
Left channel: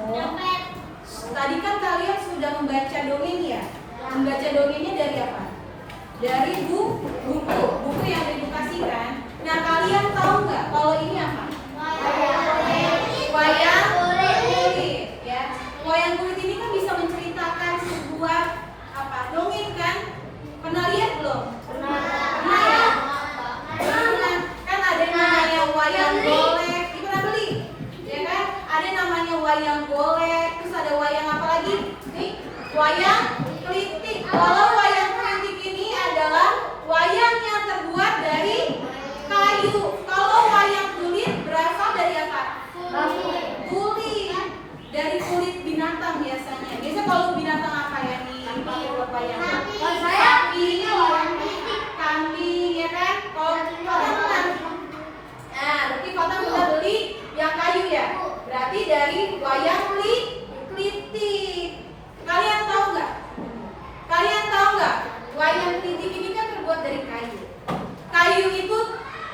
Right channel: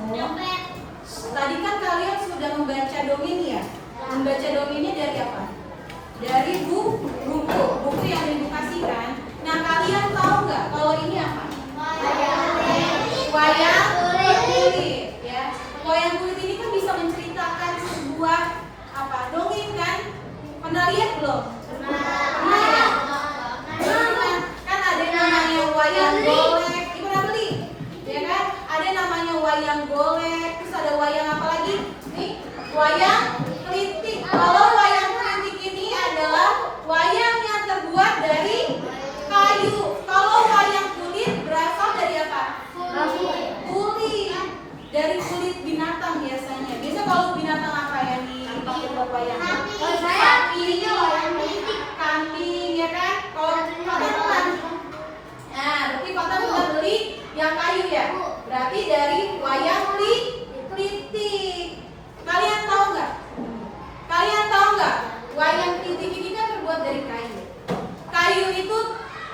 Tadi kan kalian sudah membaca dongeng ya? Membaca dongengnya dari apa? Dari buku yang diedukasikan. Nah, kalian tahu nggak kalau ini apa? Wayang kulit. Ya, wayang kulit ini kan bisa menceritakan sebuah apa? Dongeng kan? Pernah lihat belum? Pernah ya? Pernah. Kan ada yang namanya wayang golek. Ibu pernah beli? Ya kan? Ada yang namanya wayang golek. Terus ada wayang apa lagi? Nih, wayang klitik. Kalau wayang klitik ini adalah wayang yang terbuat dari kayu. Kalau wayang kulit berasal dari apa? Kulit. Dari kulit binatang biasanya. Biasa kalau binatang apa yang dipakai buat wayang? Sapi, kambing, ya kan? Kalau kota pernah. Nah, berarti kota pernah beli yang kayu ya? Berarti dari wayang klitik. Kalian tahu nggak? Wayang klitik ini kan terbuat dari kayu. Kayu itu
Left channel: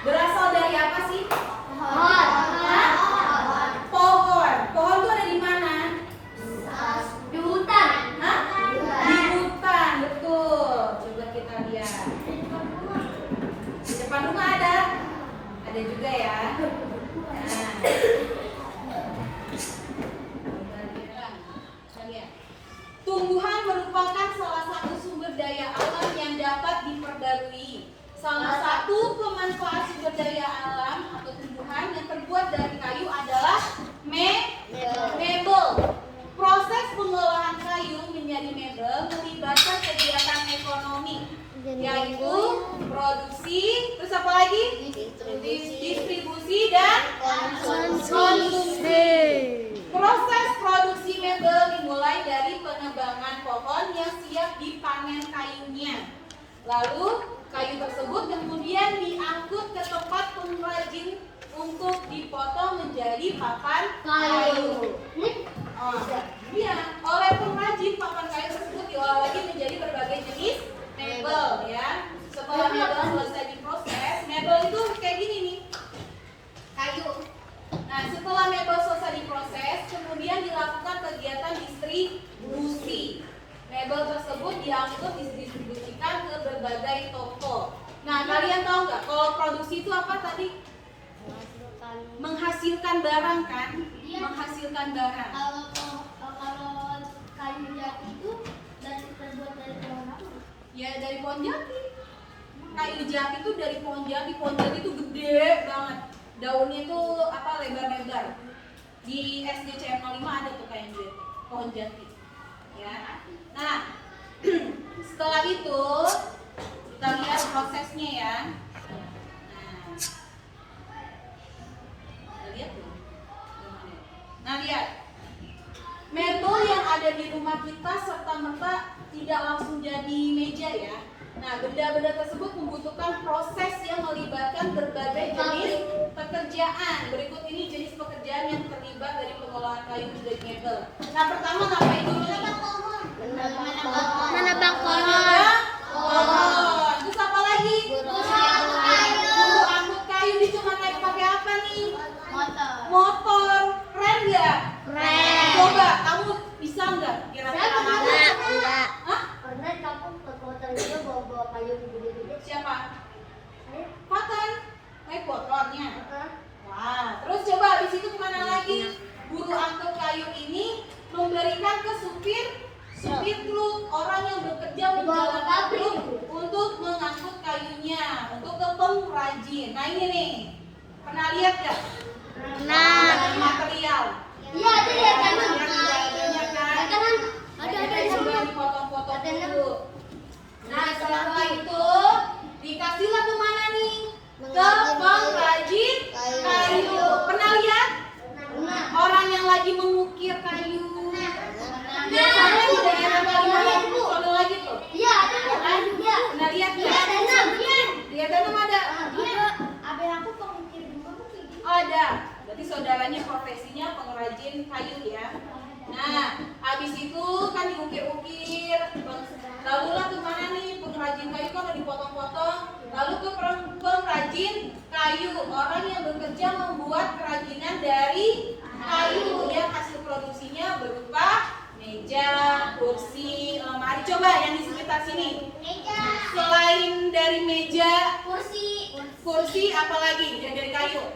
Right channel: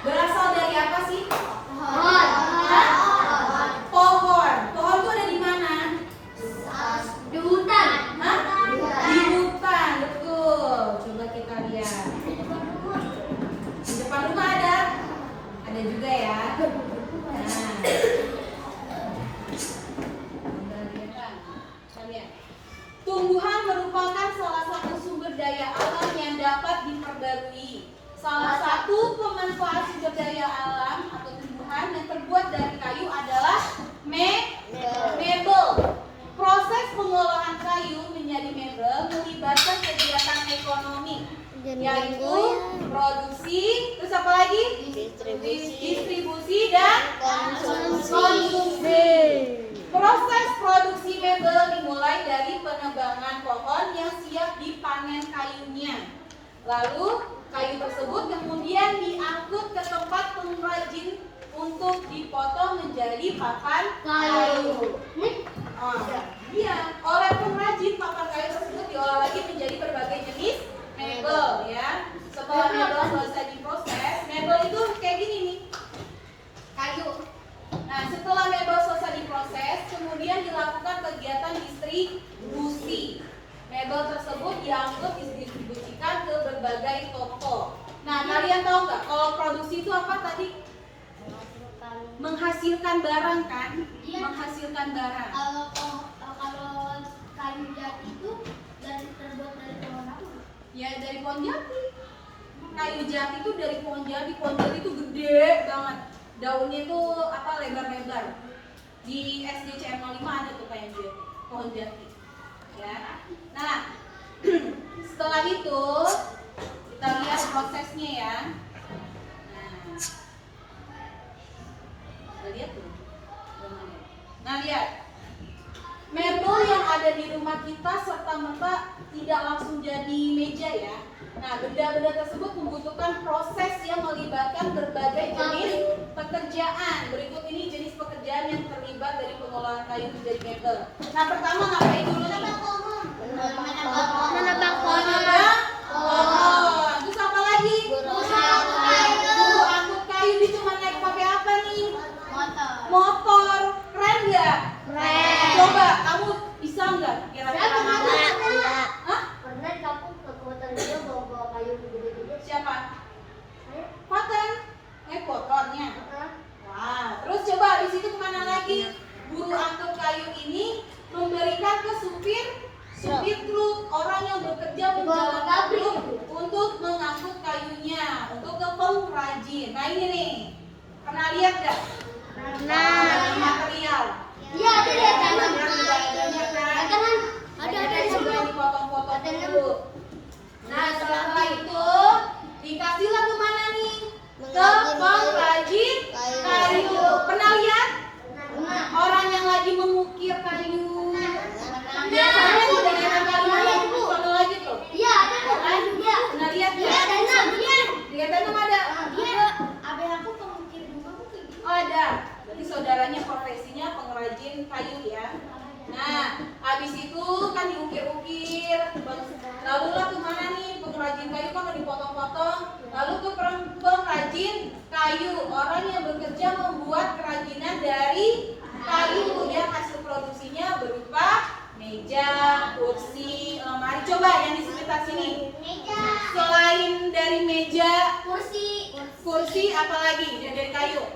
berasal dari apa sih? Hah? Pohon. Pohon itu ada di mana? Di hutan. Hah? Di hutan, betul. Coba kita lihat. Di depan rumah ada? Ada juga ya. Nah. Kita lihat. Tumbuhan merupakan salah satu sumber daya alam yang dapat diperbarui. Salah satu pemanfaat sumber daya alam atau tumbuhan yang terbuat dari kayu adalah mebel. Proses pengolahan kayu menjadi mebel melibatkan kegiatan ekonomi, yaitu produksi, terus apa lagi? Distribusi dan konsumsi. Proses produksi mebel dimulai dari penebangan pohon yang siap dipanen kayunya. Lalu kayu tersebut kemudian diangkut ke tempat pengrajin untuk dipotong menjadi papan kayu. Iya, oleh pengrajin papan kayu tersebut diolah lagi menjadi berbagai jenis mebel ya. Setelah mebel selesai diproses, mebel itu kayak gini nih, kayu. Nah, setelah mebel selesai diproses, kemudian dilakukan kegiatan distribusi. Mebel tersebut diangkut didistribusikan ke berbagai toko. Nah, kalian tahu nggak kalau produksi itu apa tadi? Menghasilkan barang kan? Menghasilkan barang. Kalau kayu jati itu terbuat dari pohon apa? Ya dari pohon jati. Kayu jati itu dari pohon jati. Pohon jati itu gede banget. Daunnya itu apa lebar-lebar. Di SDCM 05 ada tuh kayak gitu, pohon jati. Ya. Nah, setelah itu kita lihat prosesnya ya. Nah, lihat tuh. Nah, lihat. Mebel yang ada di rumah kita serta-merta tidak langsung jadi meja ya. Nah, benda-benda tersebut membutuhkan proses yang melibatkan berbagai jenis pekerjaan. Berikut ini jenis pekerjaan yang terlibat dari pengolahan kayu menjadi mebel. Nah, pertama ngapain dulu nih? Menebang pohon. Terus apa lagi? Buru angkut kayu itu naik pakai apa nih? Motor. Keren nggak? Keren. Coba kamu bisa nggak kira-kira? Hah? Pernah kamu ke kota dia bawa kayu gede-gede? Siapa? Paten. Motornya. Wah, terus coba di situ kemana lagi? Buru angkut kayu ini memberikan ke supir truk, orang yang bekerja menjalankan truk untuk mengangkut kayunya untuk ke pengrajin. Nah ini nih, pernah lihat nggak? Material. Iya, ada ya kayu. Ada di sebelah dipotong-potong dulu. Nah setelah itu dikasihlah kemana nih? Ke pengrajin kayu. Pernah lihat? Orang yang lagi mengukir kayu. Biasanya di daerah Kalimantan itu ada lagi tuh. Iya, ada kayu juga. Pernah lihat Iya, nggak? ada. Lihat tuh ada. Iya. Abang aku pengukir di mana kayak gitu. Oh ada. Berarti saudaranya profesinya pengrajin kayu ya. Nah, habis itu kan diukir-ukir. Lalulah kemana nih pengrajin kayu kok udah dipotong-potong? Lalu ke pengrajin kayu, orang yang bekerja membuat kerajinan dari kayu yang hasil produksinya berupa meja, kursi, lemari. Coba yang di sekitar sini. Selain dari meja, kursi apa lagi dari kayu?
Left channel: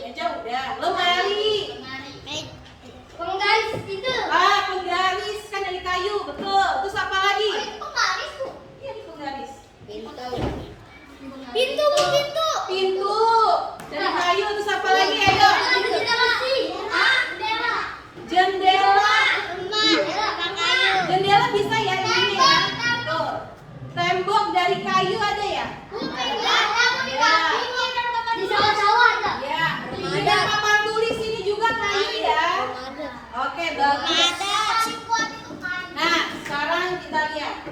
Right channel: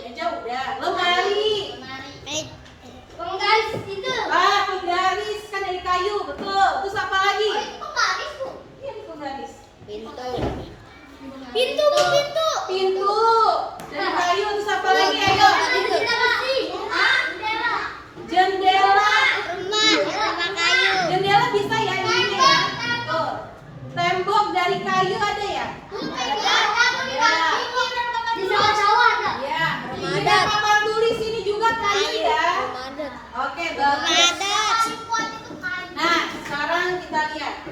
Meja udah, lemari. Penggaris itu. Penggaris kan dari kayu, betul. Terus apa lagi? Iya, penggaris. Pintu. Pintu dari kayu. Terus apa lagi? Ayo. Jendela. Jendela bisa ya ini ya. Tuh. Tembok dari kayu ada ya? Ya. Juga papan tulis ini juga kayu ya. Oke, bagus. Nah, sekarang kita lihat.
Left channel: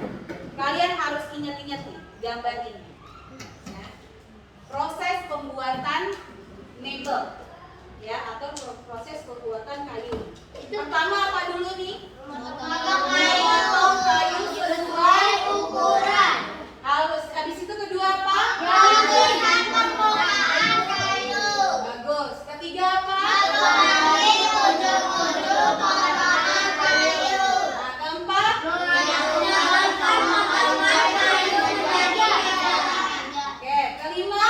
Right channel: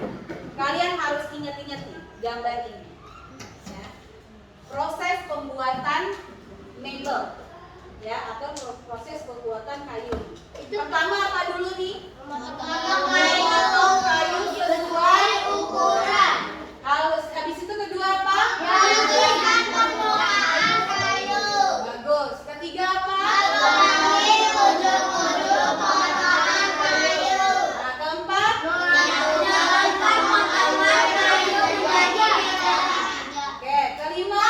Kalian harus ingat-ingat nih gambar ini. Ya. Proses pembuatan mebel, ya, atau proses pembuatan kayu. Pertama apa dulu nih? Memotong kayu sesuai ukuran. Halus. Habis itu kedua apa? Bagus. Ketiga apa? Nah, keempat? Oke, kelima?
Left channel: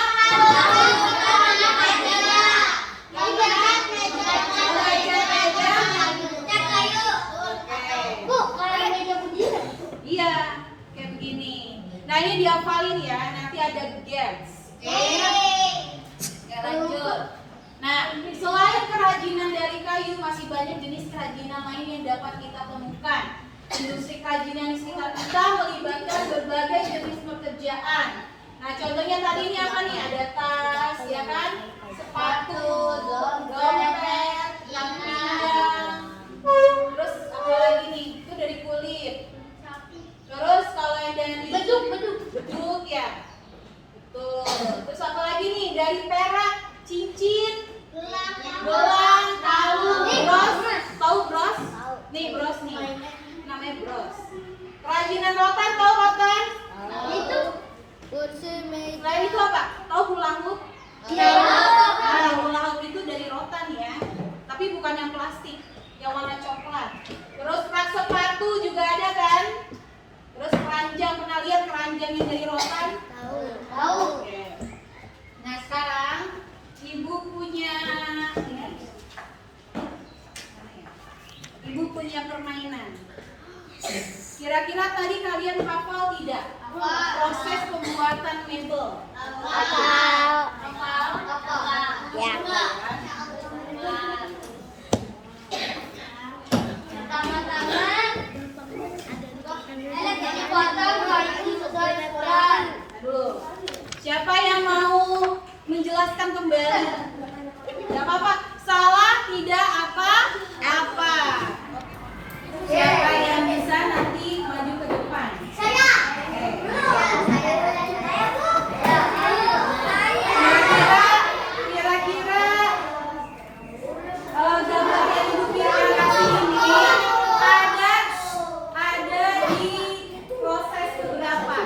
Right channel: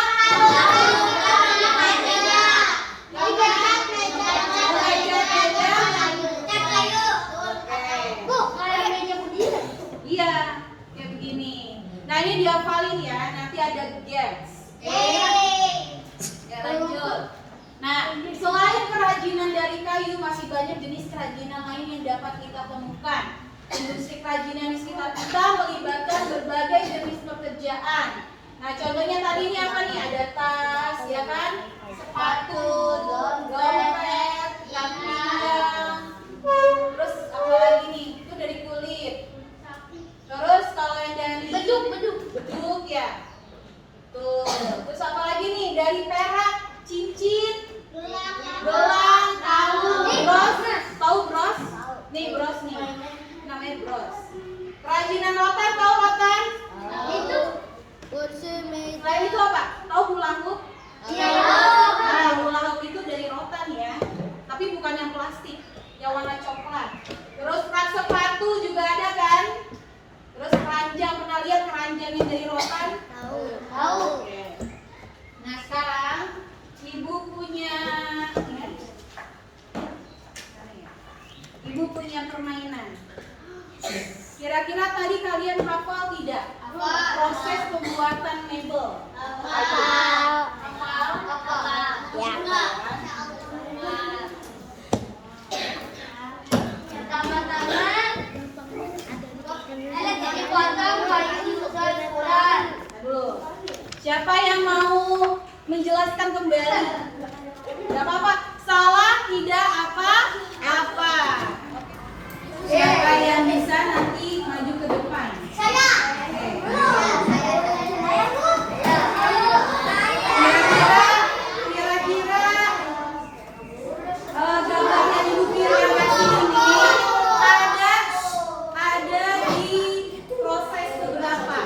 Iya, kayak begini. Nah, ini dihafalin ya, nanti ada gaps. Ya, lanjut. Nah, selain kerajinan dari kayu, masih banyak jenis kerajinan lain yang dapat kita temukan. Industri kerajinan di sekitar kita melibatkan berbagai jenis pekerjaan. Nah, contohnya tadi ini apa nih? Ada tas, ya kan? Sepatu, dompet, yang pinggang. Terus apa lagi nih? Itu dari kulit. Terus kalau yang dari beduk ya. Tuh. Terus apa lagi nih? Dari perak, cincin, gelang, kalung, bros. Tahu bros? Nih bros nih. Namanya bros. Kerajinan rotan, tahu rotan? Kursi meja. Selain itu apa? Tahu hula hoop? Iya. Nah, hula hoop itu dari rotan ya. Tapi bukan yang plastik, yang warna coklat. Terus rak sepatu juga ada kan? Terus keranjang, pernah lihat keranjang yang dari rotan? Tahu. Oke. Nah, sekarang ibu punya permainan. Kira-kira tadi kalian hafal tidak? Proses pembuatan mebel. Ya. Aduh, siapa yang mau menjelaskan kembali? Gak apa-apa, salah tidak apa-apa. Siapa yang bisa nanti maju ke depan? Saya. Kira-kira gambar yang Ibu Fir yang kasih ini ada di proses keberapa?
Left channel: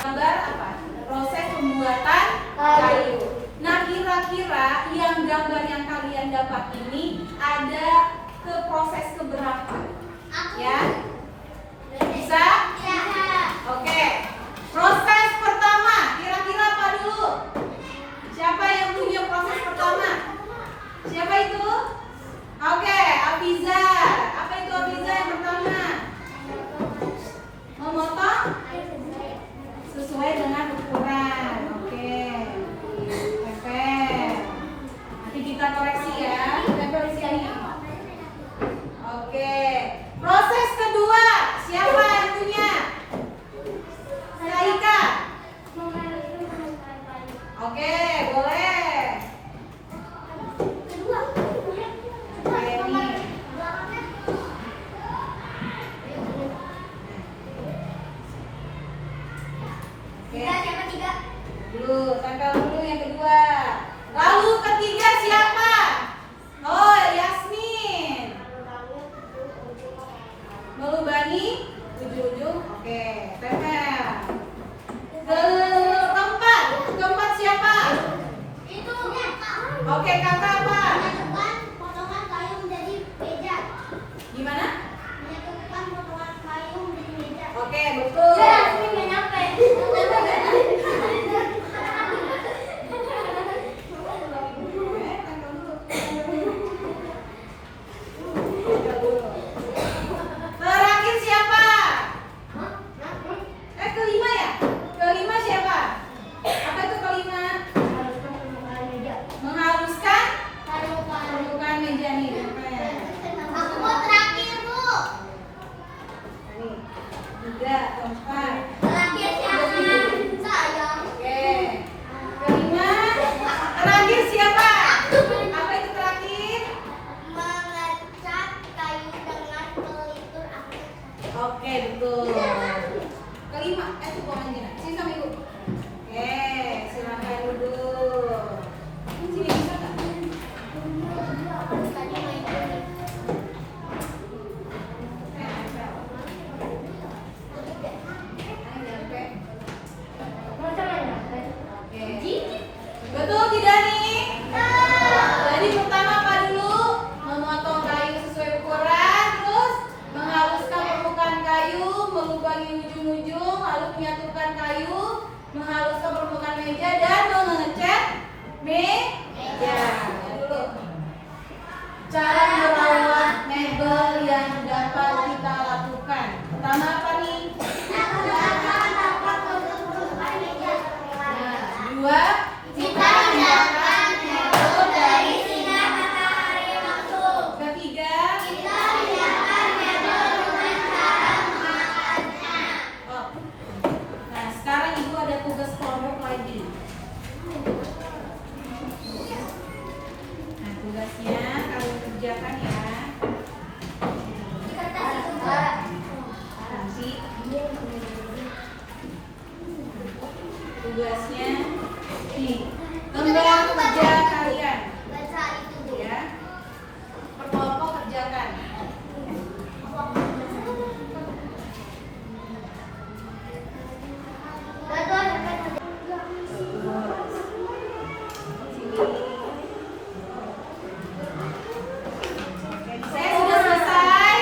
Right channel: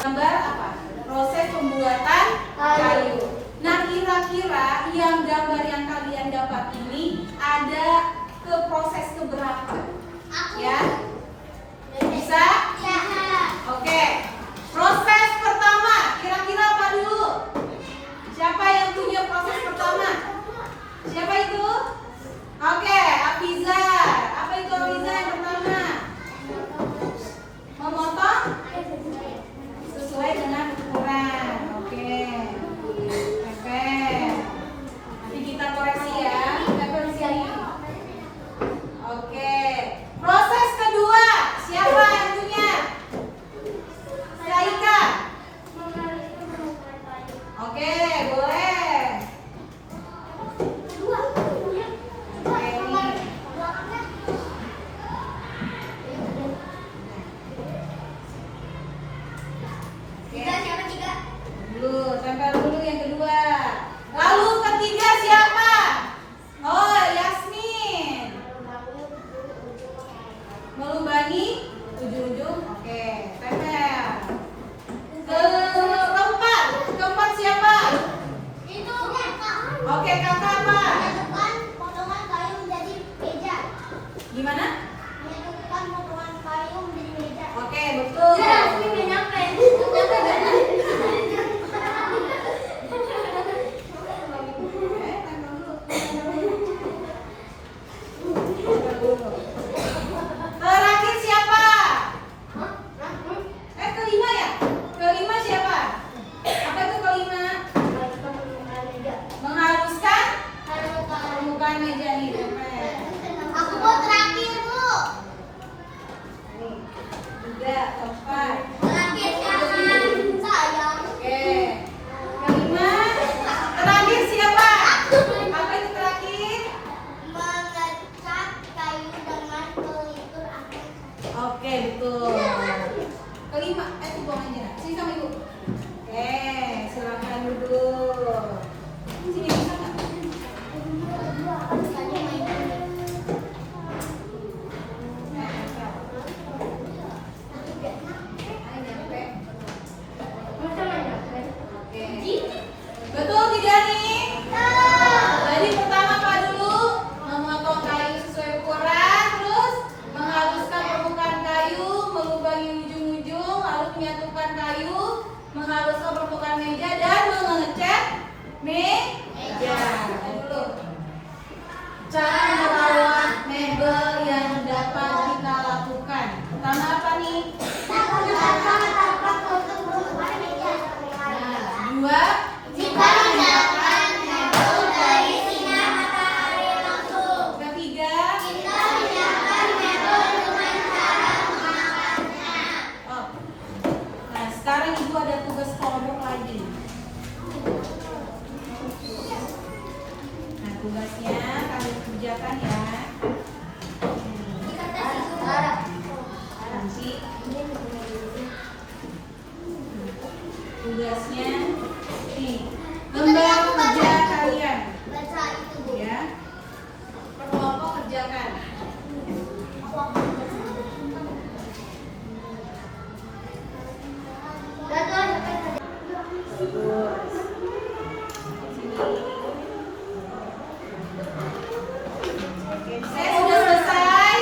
Gambar apa? Proses pembuatan kayu. Nah, kira-kira yang gambar yang kalian dapat ini ada ke proses keberapa? Ya? Bisa? Oke. Proses pertama, kira-kira apa dulu? Siapa yang punya proses pertama? Siapa itu? Oke, Afiza. Apa itu Afiza yang pertama? Memotong sesuai dengan ukuran. Oke. Perfect. Nanti kita koreksi ya. Kita koreksi ini. Oke. Proses kedua, siapa yang punya? Saika. Oke, boleh. Oke, nih. kata apa? Menyatukan potongan kayu menjadi meja. Gimana? Menyatukan potongan kayu menjadi meja. Oke, betul. Ini nggak nyampe. Terakhir siapa? Kelima ya? Kelima siapa? Apa itu kelima? Menghaluskan permukaan meja nih. Aku mau terakhir, Bu. Nih, 3, 4. Terakhir saya. Oke. Kelima. Terakhir siapa? Apa itu terakhir? Mengecat kayu dengan pelipur aktif. Oke, betul. Kelima, itu buang aja. Sini sama ibu. Oke, silakan duduk. Sini bisa nggak? Tadi main ini. Oke. Betul tidak nih? Jadi pertama apa dulu? Memotong kayu sesuai ukuran, terus menghaluskan permukaan kayu, melubangi ujung-ujung, lalu menyatukan kayu, menghaluskan permukaan meja dan mengecat meja. Dulu. Cara merawat mebel yang dapat kita lakukan. Pertama apa nih? Dua. Kita menggunakan mebel dari sinar matahari langsung. Ketiga. Kita menyiapkan mebel dengan cara memakannya. Oh. Nah, sekarang ibu ada tugas kelompok lagi. Nah, tugasnya kalian kerjakan ya. Nanti tugasnya nih, lembar kerja kalian Baca itu, Bu. ya. Perkelompok kerjakan. Betul, sampai Terus sini. Oke, saya sudah selesai.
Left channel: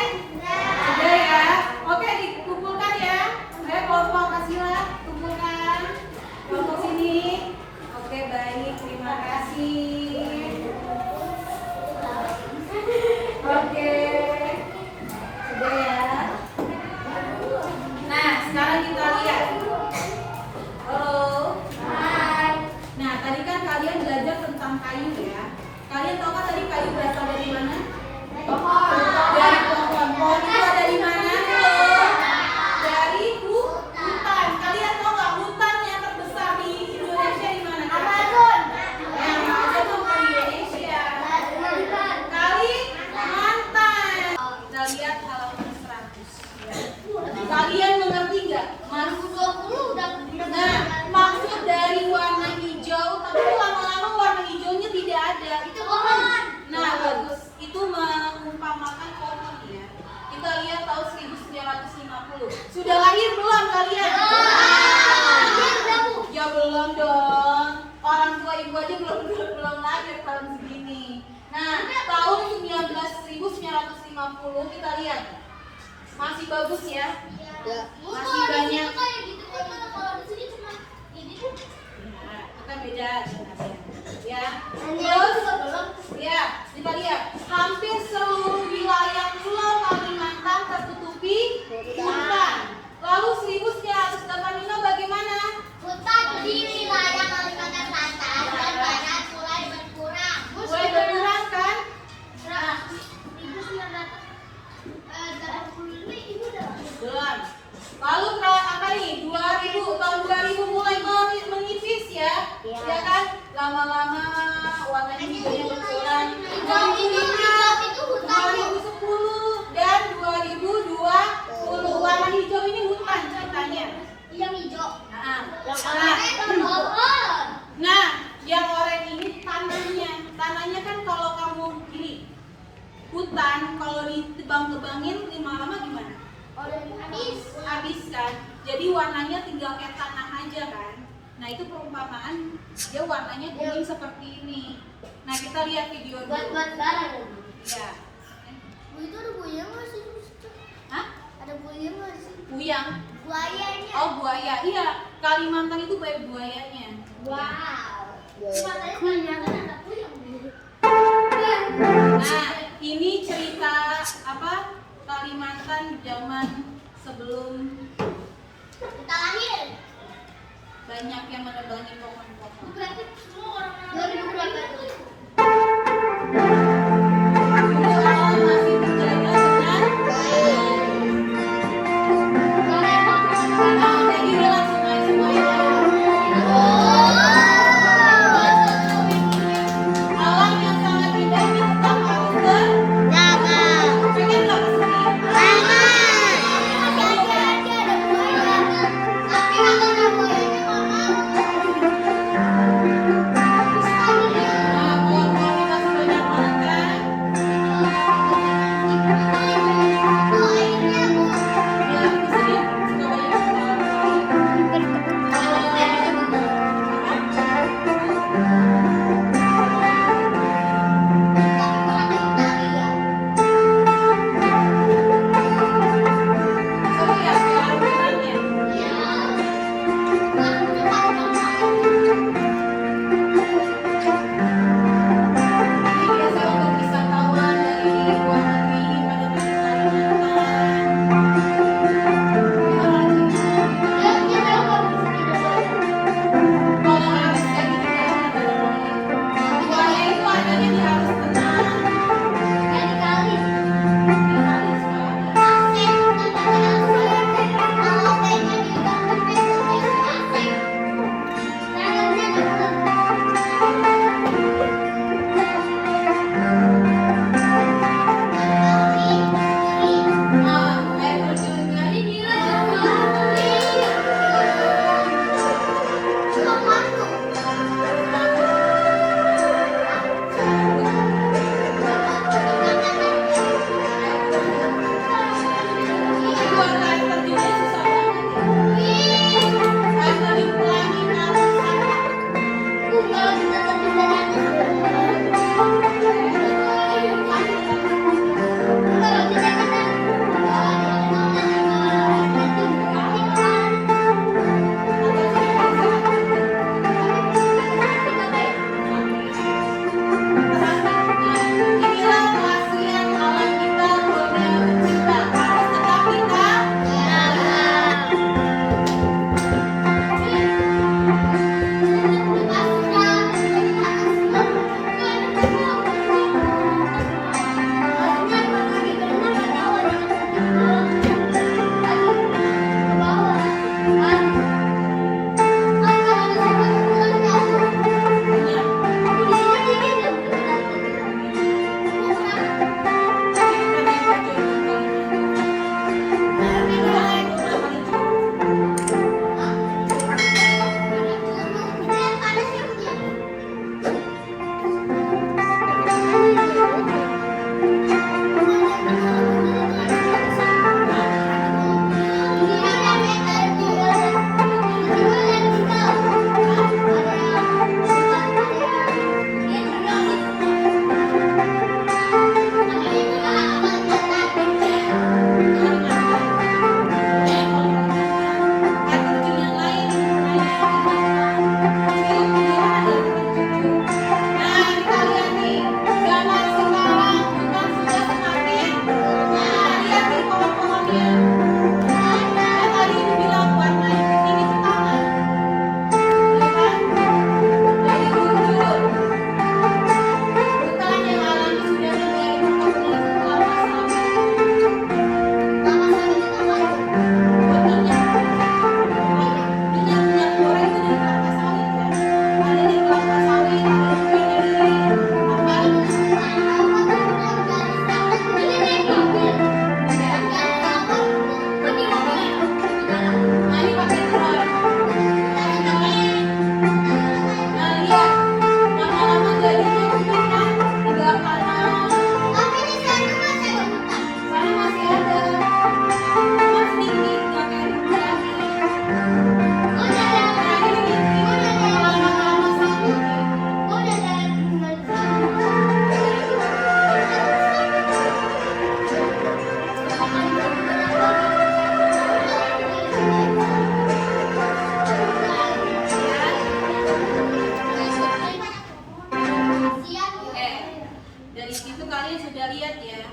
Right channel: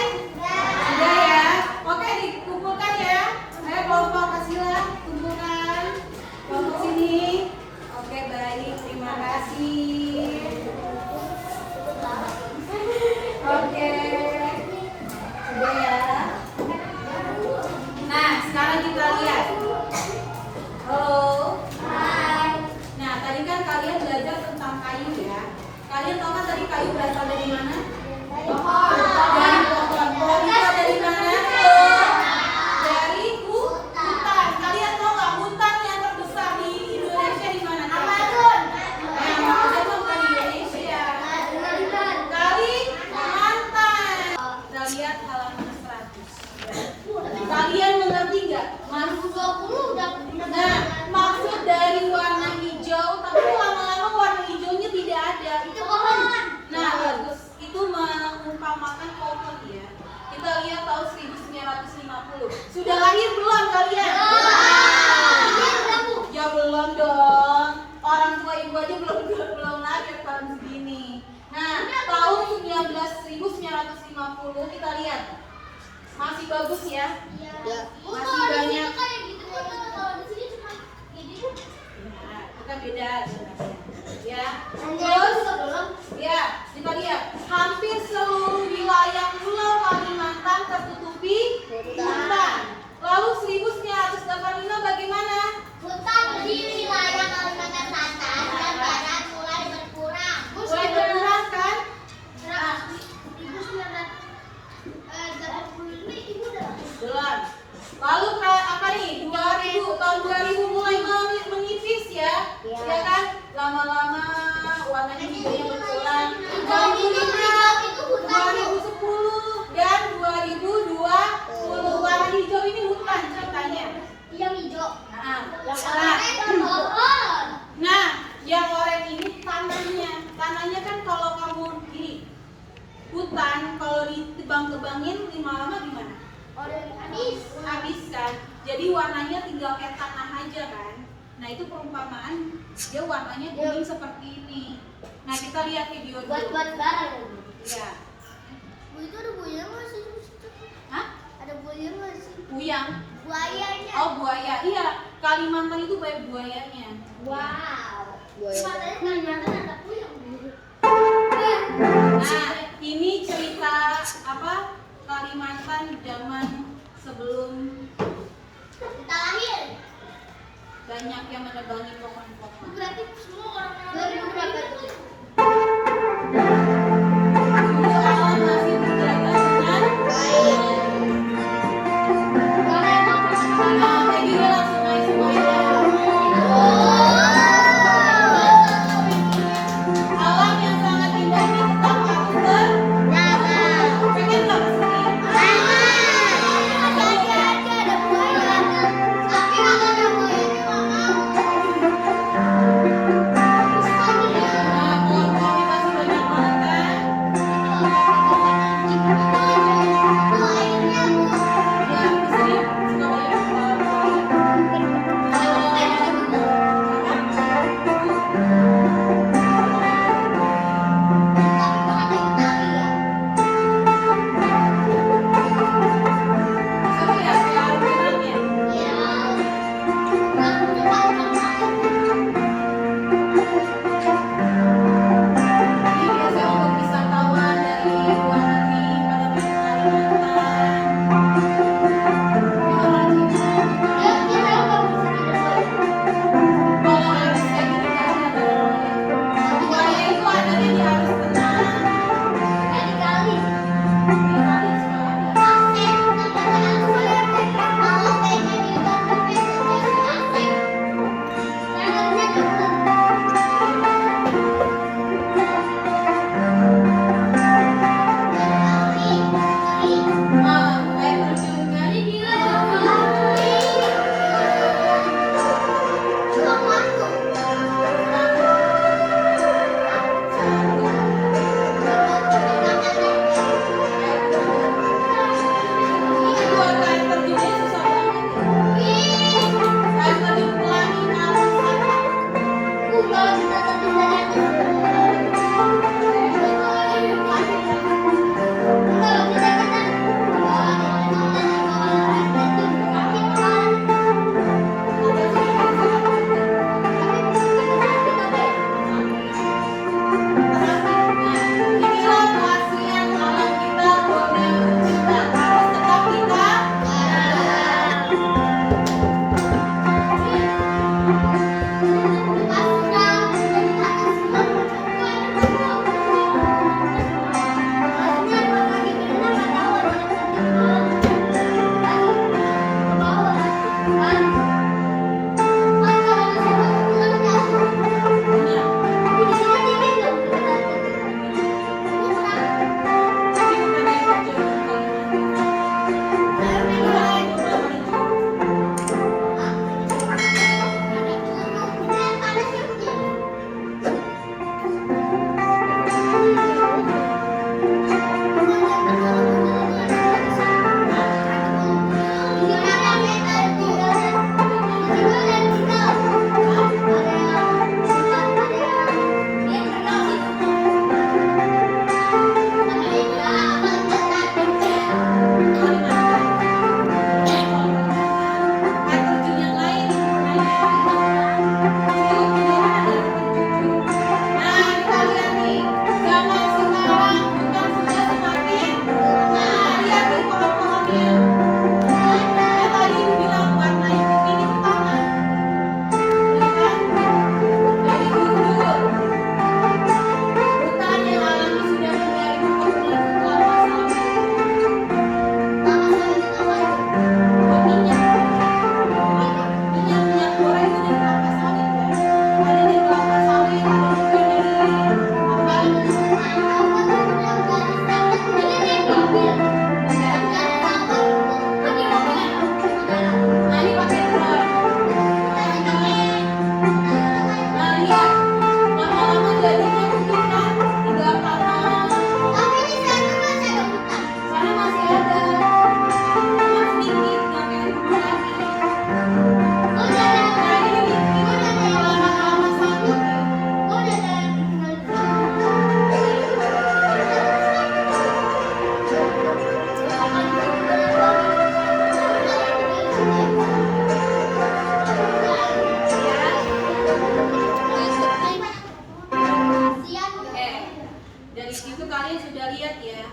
Sudah ya. Oke, dikumpulkan ya. Ayo kelompok kasihlah, kumpulkan. Kelompok sini. Oke, baik. Terima kasih. Oke. Sudah ya. Nah, sekarang kita lihat. Halo. Hai. Nah, tadi kan kalian belajar tentang kayu ya. Kalian tahu kan tadi kayu berasal dari mana? Pohon. Dari pohon. Pohon itu ada di mana? Halo? Dari hutan. Kalian tahu nggak hutan yang terbesar di Indonesia di mana? Amazon. Yang Amazon bukan di Indonesia. Kalimantan. Kita lihat halaman 100. Ya. Kalian mengerti nggak? Maksud Nah, maksud dari warna hijau, tapi lama-lama warna hijaunya tidak ada. Itu pohon. Nah, bagus. Itu mengumpamakan pohon ya. Kita lihat tahun 1950. Sudah lahir belum kalian? Ya belum dong. Orang tua ibu aja belum lahir tahun segini. Nah, tahun 1950 kita lihat. Masih bagus ya. Masih banyak. Nah, kita beda jelasnya. Ya. Terus ya, kita lihat hampir seluruh wilayah Pulau Kalimantan tertutupi hutan. Lalu 1985 bagaimana? Hutan di wilayah Kalimantan Selatan dan Barat mulai berkurang. Mulai berkurang kan? Nah, belum. Lalu kayak apa nih? 2000 tahun 2000 mulai menipis ya. Ya kan? Lama-lama warnanya hijaunya berkurang. 2005, 2010 dan 2020 warna hijau ini hutan ceritanya. Yang hijau. Nah, yang oranye ini tanahnya. Tanahnya kan kalau kamu gini, hutan kalau ditebang-tebangin lama-lama gimana? Habis kan. Jadi warnanya tinggal kayak tanah aja kan. Nah, itu perumpamaan dia warnanya kuning seperti ini. Nah, kita lihat video dulu. Buat barang. Ya. Bu, itu ada buaya nggak sih? Hah? Ada buaya nggak sih? Buyang. Buayanya. Oh, buaya. Iya, Kalimantan itu banyak buayanya. Wow. Katanya Kalimantan ada puyeng. Nah, ini cerita apa? Kalimantan zaman sebelum Kita lahir. banyak yang menebangi pohon-pohon. Berarti semua orang-orang Dari yang berapa itu. tuh? Dulu alam masih terjaga dengan nah, jadi lewat sungai-sungainya. Alam yang sangat indah ini tetap harus pengen nggak kesini? Ada buaya. Tapi kalau ada buayanya nggak mau. Nah, pohon-pohon masih banyak banget kan? Ya, di sini suka banyak pohon-pohon. Seru ya, kayak alunan ya? Ini biasa untuk wisatawan dari luar negeri pada datang ke Kalimantan. Kalau arus kayak gini nggak ada boleh. Buaya itu adanya di arus tenang. Di kali suka ada. Nah, air terjun kan? Ini buat air terjunnya susah banget ya. Air terjun pelangi Inilah keaslian alam kita, Borneo tercinta. Harus tetap kita punya. Kita naik terjun ke Kalimantan. Inilah beberapa lucu. Air terjun yang lain nah kita lihat nih zaman sekarang Dari situ kalian sudah lihat ya.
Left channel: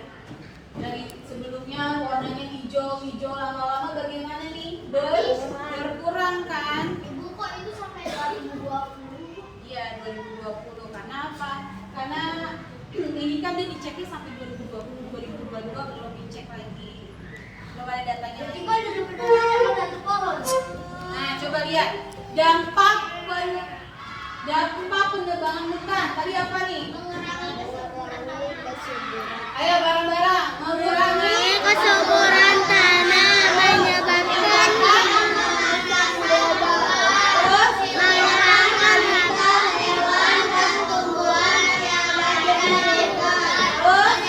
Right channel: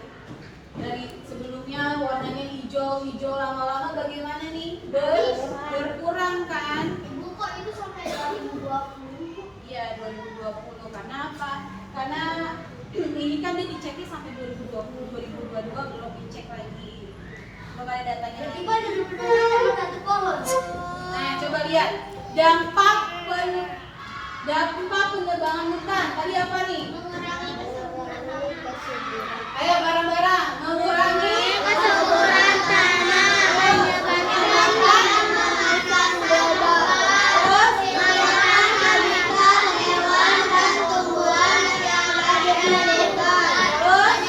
Dari sebelumnya warnanya hijau, lama-lama bagaimana nih? Berkurang kan? Ibu kok itu sampai 2020? Iya, 2020. Karena apa? Karena ini kan dia diceknya sampai 2020, 2022 belum dicek lagi. Belum ada datanya Jadi lagi. kok udah berdarah sama satu pohon? Nah, coba lihat dampak penebangan hutan. Tadi apa nih? Mengurangi kesuburan. Ayo bareng-bareng mengurangi Kesuburan tanah, menyebabkan terus mengurangkan hewan dan tumbuhan yang ada di lingkungan. terus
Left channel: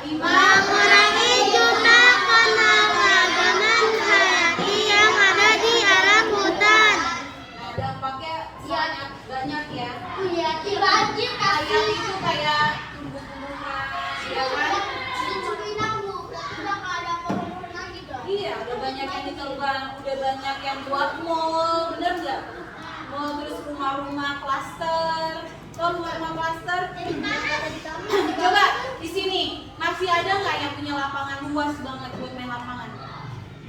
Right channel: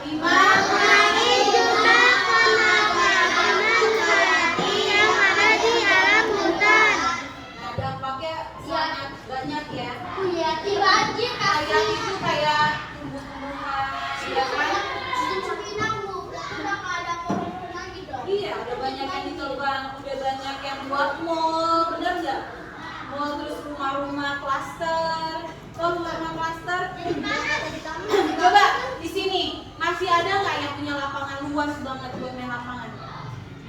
lima. Mengurangi jumlah penebangan hayati yang ada di alam hutan. Nah, dampaknya sangat banyak ya. Iya, banjir Kayak itu kayak tumbuh-tumbuhan, ya kan? Iya, udah banyak yang ditebang, udah banyak yang buat mall, bener nggak? Mall terus rumah-rumah klaster, rumah klaster. Coba di sini masih ada nggak yang punya lapangan luas banget buat main lapangan?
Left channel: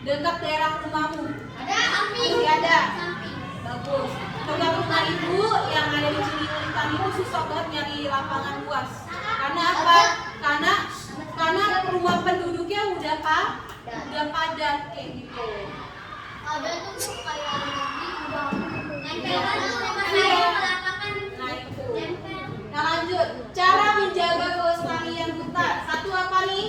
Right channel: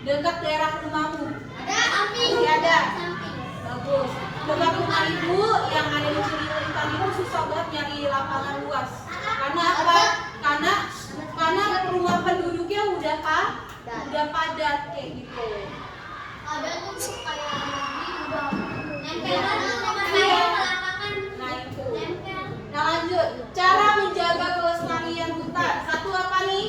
Dekat daerah rumahmu masih ada. Bagus. Dekat rumah ibu yang ada di Ciliwung itu susah banget nyari lapangan luas. Karena apa? Karena rumah penduduknya udah padat kayak gitu. Nah itu. Nah lanjut, cara menjaga kelestarian hutan. Satu apa nih?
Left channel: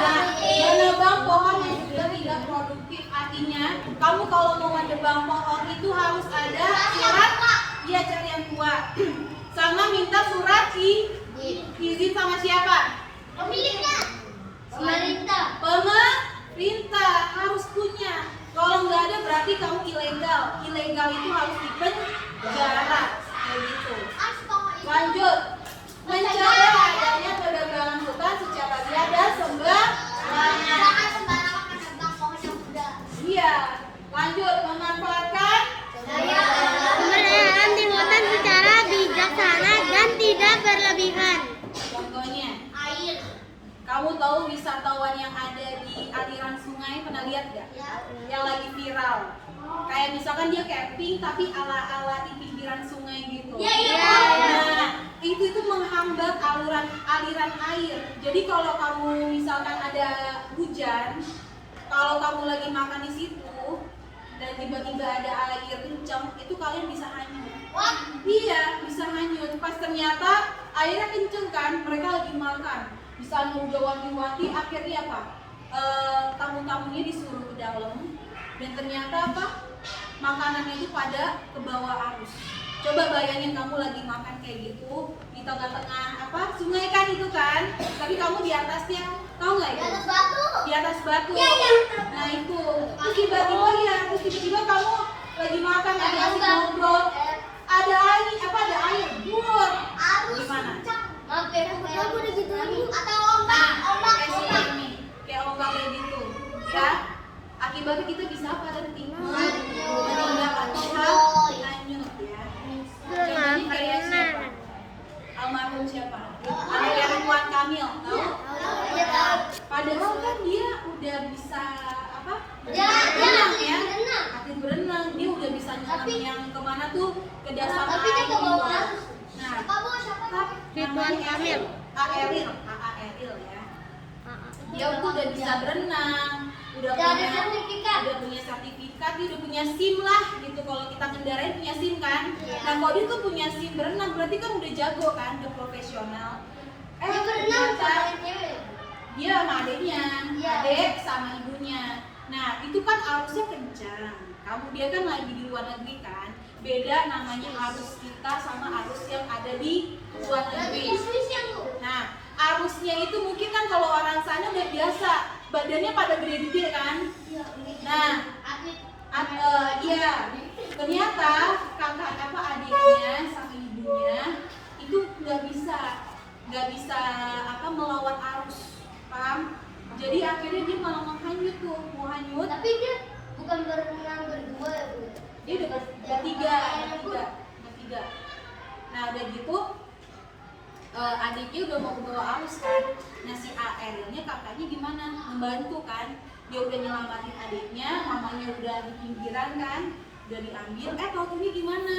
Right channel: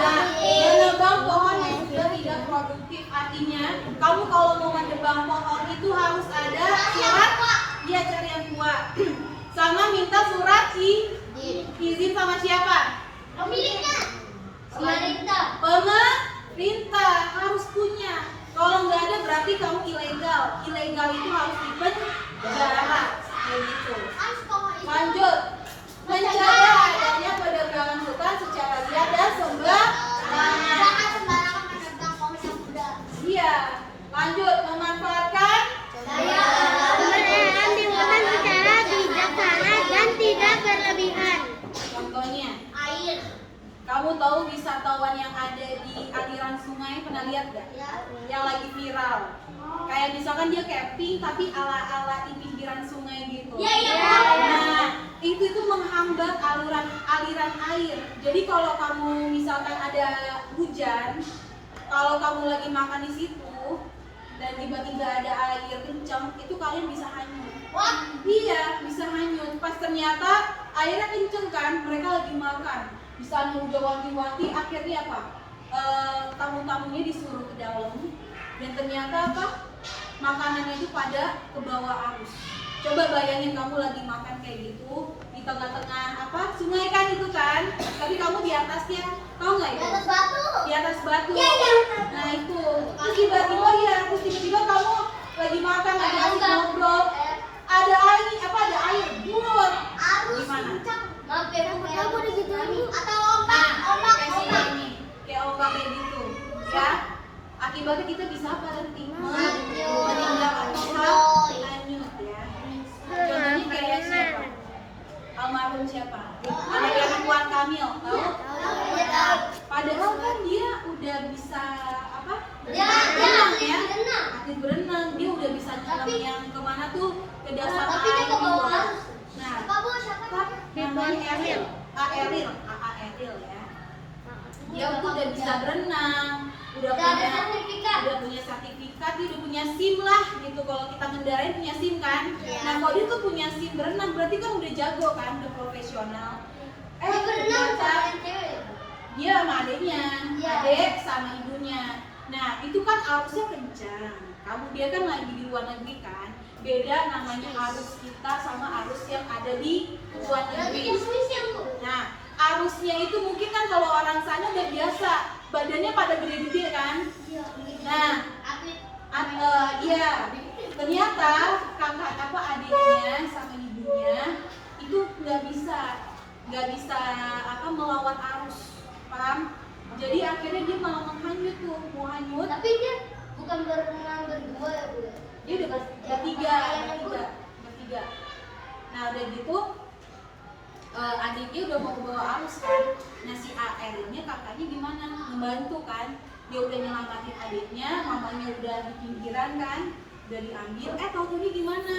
Nah, menebang pohon yang sudah tidak produktif. Artinya, kamu kalau mau menebang pohon itu harus ada surat. Iya, cari yang tua. Sama minta surat izin sama siapa? Pemerintah harus punya. Kalau nggak ada berarti kamu ilegal. Ilegal itu harus dipenjara. Kayak gitu. Lanjut, mencegah adanya perdagangan hutan secara liar dan sembarangan. Iya. Lanjut, memanfaatkan Penggunaan lingkungan secara bijaksana dan tidak berlebihan. contohnya. Air. Kamu tahu wisatawan yang ada di aliran sungai, pernah lihat gak? Yang lagi viral. Kayak misalkan dia camping tapi ala-ala di pinggiran sungai gitu. Iya. Nah, itu menghambat aliran air. Jadi kalau kamu misalkan ada hujan, kalau kamu lagi makan di situ dan tiba-tiba ada air kencang, itu kalian bisa hanyut. Wah. Iya, bisa hanyut. Pas ternyata airnya kenceng kan, mereka lagi makan. Bisa udah wanti-wanti, akhirnya apa? Tamu-tamunya disuruh ke dalam dan ternyata apa? Makanannya itu pada ke bawah arus. Coba bayangin kamu lagi makan kayak gitu di tengah-tengah apa? Sungai kan itu kan, tapi kamu di atasnya, tahu nggak itu? Di atas batu. Nah itu, terus tiba-tiba kamu lagi makan, lagi asik ngobrol, ada air, buat gimana? Kamu udah gitu lagi. Atau Nah, ombak. kayak ombak kayak gitu, ya. Akibatnya kita bisa apa nanti? Hanyut. Meninggal atau hanyut ya. Contohnya kayak siapa? Almarhum siapa? Anaknya Ridwan Kamil, tahu? Padahal kan dia udah bisa apa? Berenang ya. Atlet berenang, dia udah bisa nyelam yang kemana tuh? Ke dasar Tapi air dia ke bawah gitu. arus. Nah, Siapa? namanya Eril ya. Dia tuh udah bisa berenang, udah punya sertifikat, dia udah punya SIM lah gitu. Kalau kita ngendarain punya SIM kan. Nah, kalau dia tuh punya SIM berenang berarti kan udah jago kan, udah profesional. Ternyata dia sama adeknya, adek sama ibunya. Nah, itu kan arusnya kencang. Dia kan lagi di luar negeri kan. Beda namanya arus kita sama arus yang ada di luar negeri. Nah, arusnya itu mungkin kan kalau orang sana udah biasa, badannya pada gede-gede kan. Nah, iya. Ternyata adiknya sama ibunya itu nggak bisa melawan arus, paham? Jadi akhirnya dia malah menghanyut tuh, mau hanyut. Tapi dia bukan berenang berdua adiknya udah mau ke bawah arus kan. Nah si Erilnya kakaknya gimana? Membantu kan. Dia udah nyelamatin adiknya, mamanya udah di pinggiran kan, udah diambil. Tahu-tahu gimana?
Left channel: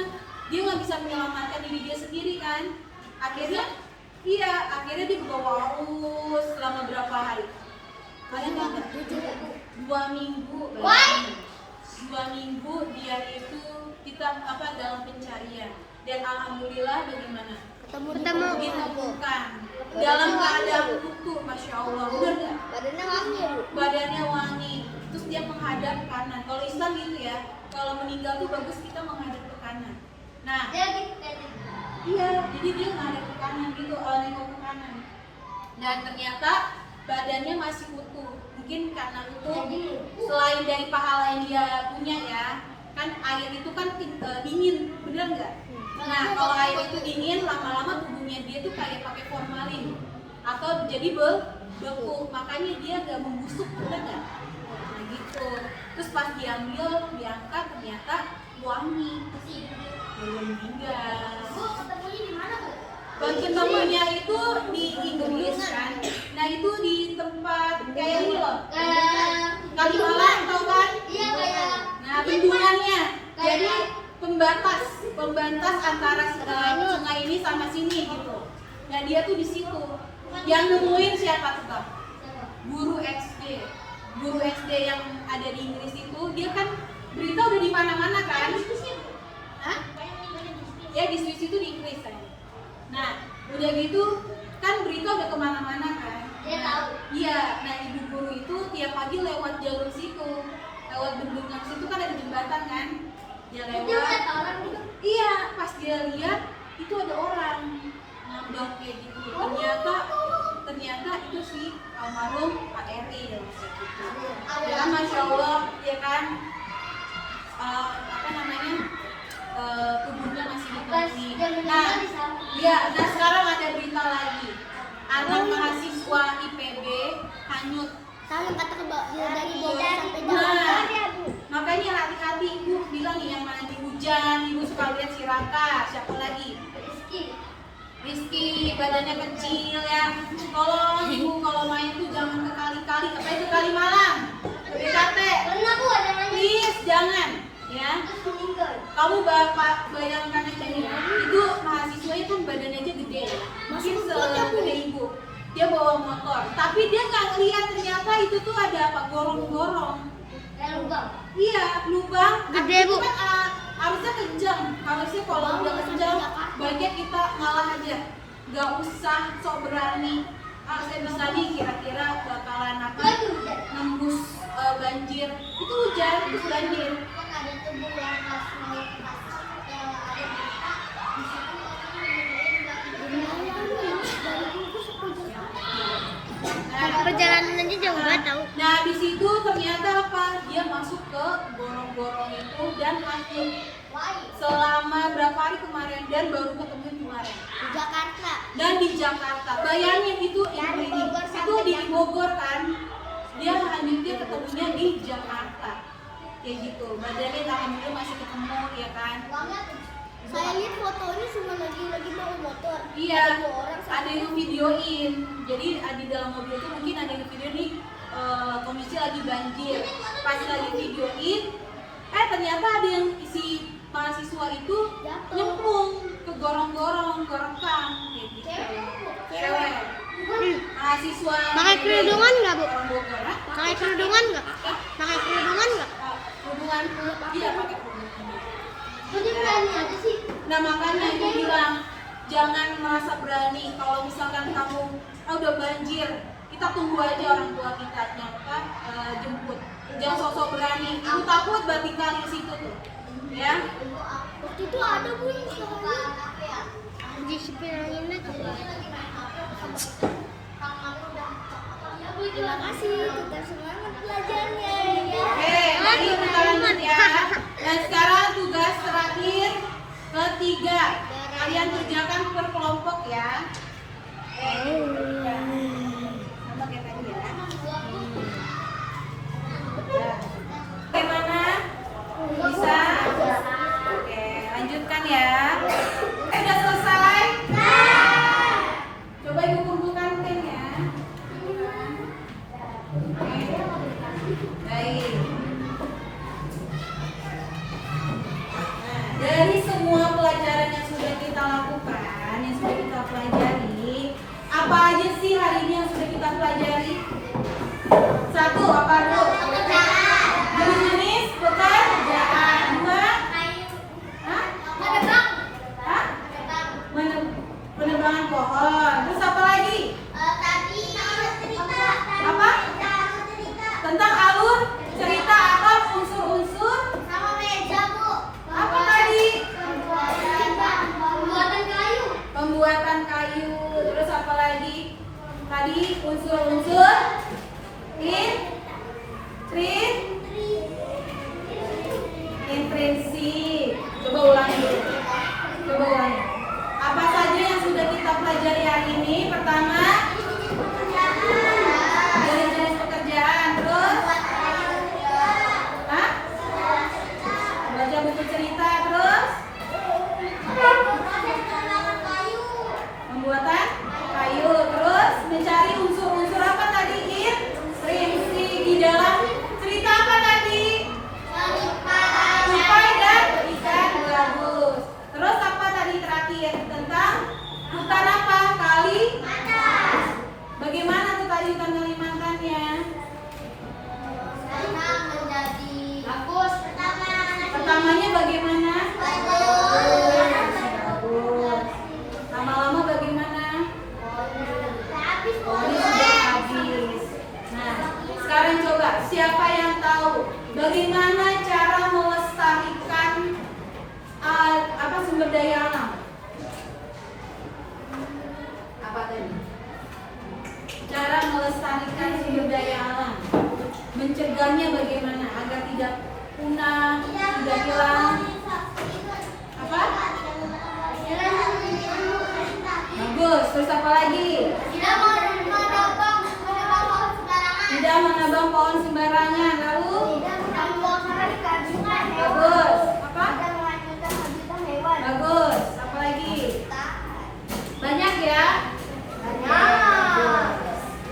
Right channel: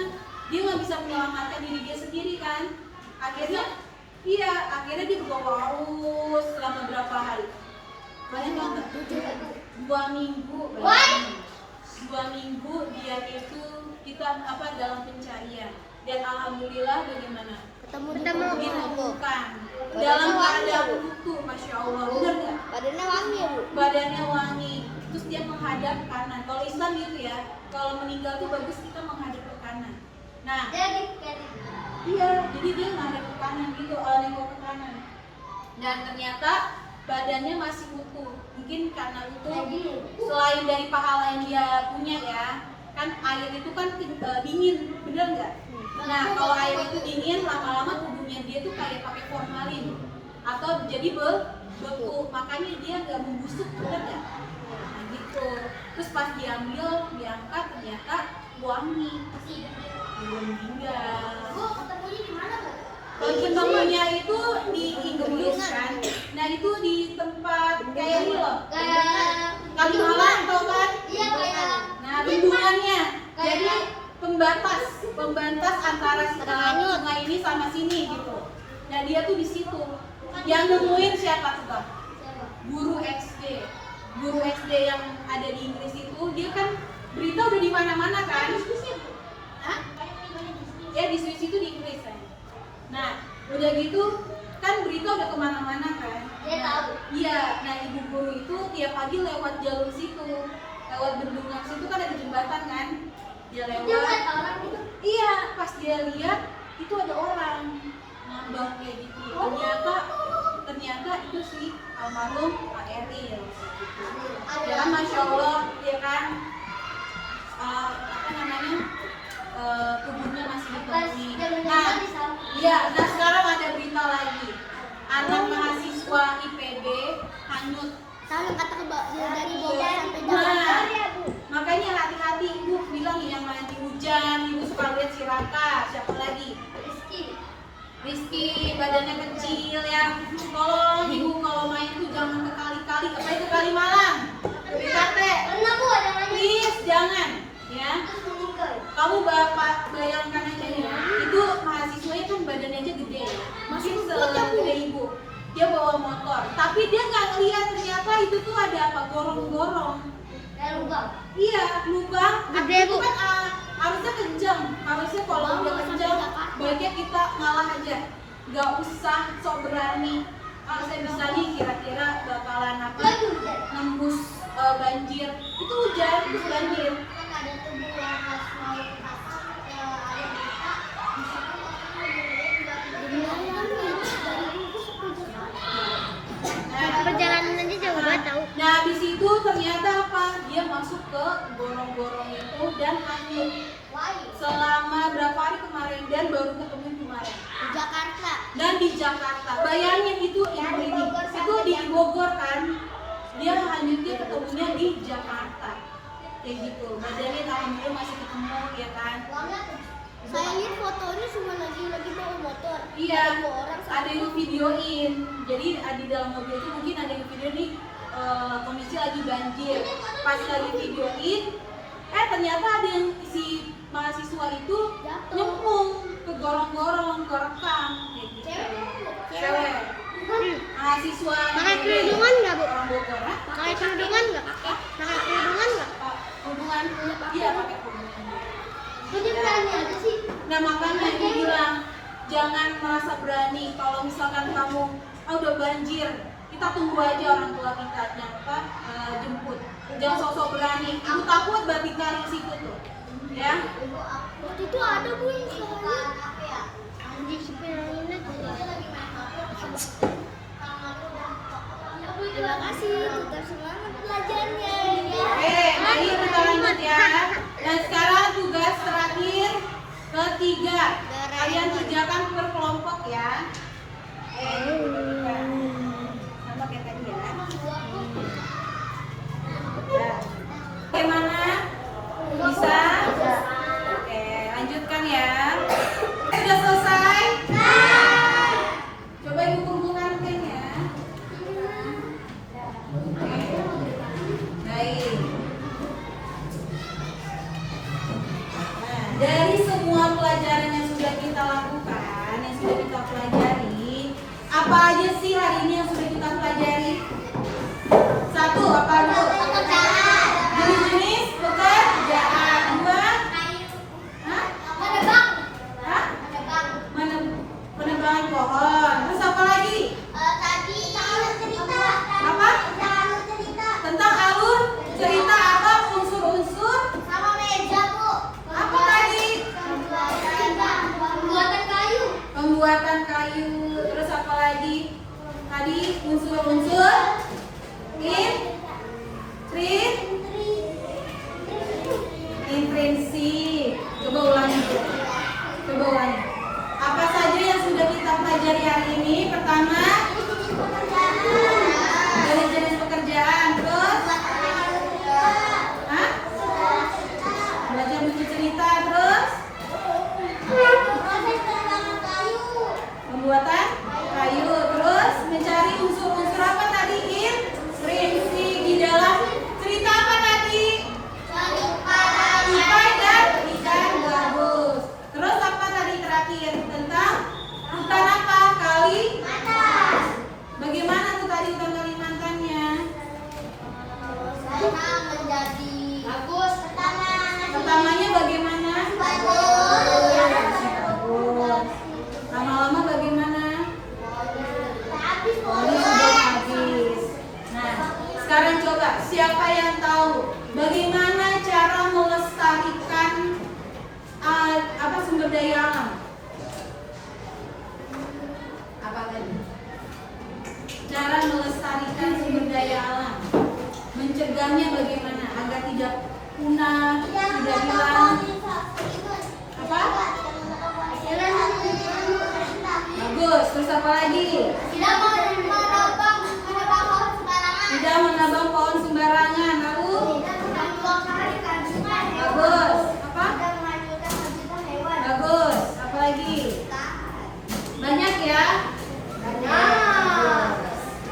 Dia nggak bisa menyelamatkan diri dia sendiri kan. Akhirnya dia ke bawah arus selama berapa hari? Kalian tahu nggak? 2 minggu. Bayangin. 2 minggu dia itu kita dalam pencarian. Dan alhamdulillah bagaimana? Ditemukan dalam keadaan utuh, masya Allah. Benar nggak? Badannya wangi. Terus dia menghadap kanan. Kalau Islam gitu ya, kalau meninggal tuh bagus kita menghadap ke kanan. Nah, iya, jadi dia menghadap ke kanan gitu, nengok ke kanan. Dan ternyata badannya masih utuh. Mungkin karena utuh, selain dari pahala yang dia punya ya, kan air itu kan dingin, bener nggak? Nah, kalau air itu dingin, lama-lama tubuhnya dia tuh kayak pakai formalin atau jadi beku, makanya dia nggak membusuk, bener nggak? Nah gitu. Terus pas diambil, diangkat, ternyata wangi. Belum meninggal. Ketemunya itu di Inggris kan. Nah itu di tempat kayak ini loh. Kalimalang tau kan? Iya kayak. Nah bendungannya. Jadi pembatas antara sungai ini sama sini gitu. Nah dia tuh di situ. Yang nemuin siapa coba? Guru SD yang ada di Inggris itu, dia kan berita udah di mana-mana kan? Hah? Ya di Swiss itu di Inggris kan. Nah udah gitu kan berita udah kemana-mana kan? Iya. Nah ibu guru itu tiap pagi lewat jalur situ, lewat bendungan situ kan ada jembatan kan? Dia lewat. Iya, pas dia lihat itu ada orang ngambang kayak gitu. Ternyata itu si almarhum Pak Eril gitu. Ya kan masya Allah, dia kan tubuhnya masih ditemui. Nah sekarang ada berita lagi. Anak mahasiswa IPB hanyut. Dari Bogor sampai Jakarta. Makanya hati-hati, ibu bilang nih yang nanti hujan, ibu suka lihat si Raka, siapa lagi? Rizky, badannya kecil ya. Tolong ibu kalau main tuh jangan ke kali-kali, apa itu Kalimalang? Ke BKT. Please jangan, ya. Kamu bapak bayangkan aja ya, itu mahasiswanya kan badannya aja gede ya, mungkin segede ibu. Dia bawa motor, tapi dia nggak ngeliat ternyata itu tuh ada apa? Gorong-gorong. Iya, lubang. Itu kan harusnya kenceng. Harusnya kalau udah kenceng, baiknya kita ngalah aja. Gak usah sok berani. Saya bisa nih kira-kira bakalan nembus banjir. Itu hujan, itu banjir. Perjalanan aja jauh banget tau. Nah di situ ternyata apa? Dia masuk ke gorong-gorong itu dan hanyut selama berapa hari kemarin dan baru ketemu kemarin. Di Jakarta. Dan di Jakarta, bayangin itu itu di Bogor kan? Dia hanyutnya ketemunya di Jakarta, kayak gitu. Badannya alhamdulillah masih ketemu ya kan? Saya lihat fotonya cuma lagi bawa motor. Iya, Ada 2 orang. ada yang videoin. Jadi di dalam mobil itu mungkin ada yang video nih kondisi lagi banjir. Pas lagi videoin, ternyata ada yang si mahasiswa itu nyemplung ke gorong-gorong, kerekam kayak gitu. Cewek. Mahasiswa. Pakai kerudungan nggak, Bu? Orang Bogor, ha? Pakai kerudungan nggak? Pakai kerudungan nggak? Kerudungan? Iya, pakai kerudungan. sih? Nah makanya ibu bilang jangan merasa berani kalau misalkan kamu udah banjir, kita tunggu aja orang tua kita jemput. Jangan sosok berani. Ibu takut berarti kali situ tuh, ya. Waktu itu ada Bu yang di sepiranya tuh. Terima kasih, tetap semangat belajarnya ya. Oke, mari kita lanjut ya. Dan sekarang tugas terakhir ketiga, kalian kerjakan per kelompok ya. Sama kayak tadi ya. Bagaimana? Bisa? Oke, lanjutkan ya. Sudah selesai? Coba ibu kumpulkan pennya. Baik. Nah, dari semua pelajaran yang sudah kita lakukan, yang sudah kita pelajari, apa aja sih hari ini yang sudah kita pelajari? Satu, apa dulu? Pekerjaan. Jenis-jenis pekerjaan. Dua, hah? Menebang. Hah? Menebang. Penebangan pohon. Terus apa lagi? Tadi cerita. Apa? Cerita. Tentang alur cerita, apa unsur-unsur? Sama meja, Bu. Apa tadi? Pembuatan kayu. Pembuatan kayu. Terus apa lagi? Tadi unsur-unsur intrinsik. Coba ulangi. Coba ulangi. Apa saja yang sudah kita pelajari hari ini? Pertama, dari jenis pekerjaan. Terus, hah? Belajar buku cerita. Terus, pembuatan kayu. Terus, mencari unsur-unsur apa tadi? Intrinsik di dalam cerita apa tadi? Tupai dan ikan gabus. Terus apa tadi terakhir? Tentang hutan apa? Bagaimana tuh tadi hutan Kalimantannya? Pertamanya bagaimana? Bagus. Lama-lama bagaimana? Ini sudah habis. Nah, sekarang coba siapa yang tahu bagaimana cara melestarikan sumber daya alam? Apa tadi? Cara melestarikan sumber daya alam, mencegahnya bagaimana agar tidak punah, tidak hilang? Apa? Bagus. Terus apa lagi? Tidak menebang pohon sembarangan. Lalu? Bagus. Apa? Bagus. Apa lagi? Banyak ya?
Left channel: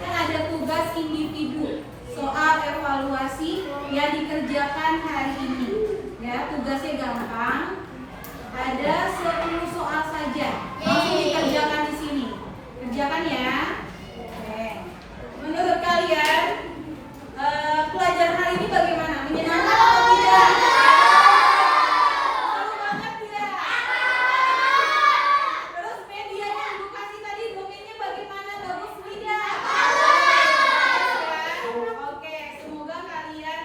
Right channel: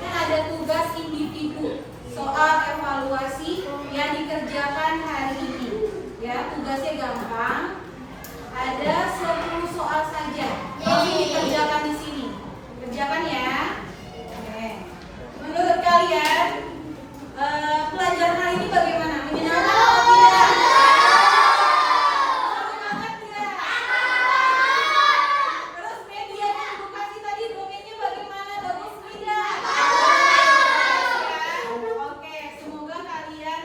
Kan ada tugas individu, soal evaluasi yang dikerjakan hari ini. Ya, tugasnya gampang. Ada 10 soal saja. Langsung dikerjakan di sini. Kerjakan ya. Oke. Menurut kalian pelajaran hari ini bagaimana? Menyenangkan atau tidak? Seru banget ya? Terus media yang ibu kasih tadi domainnya bagaimana? Bagus tidak? Ya. Oke, semoga kalian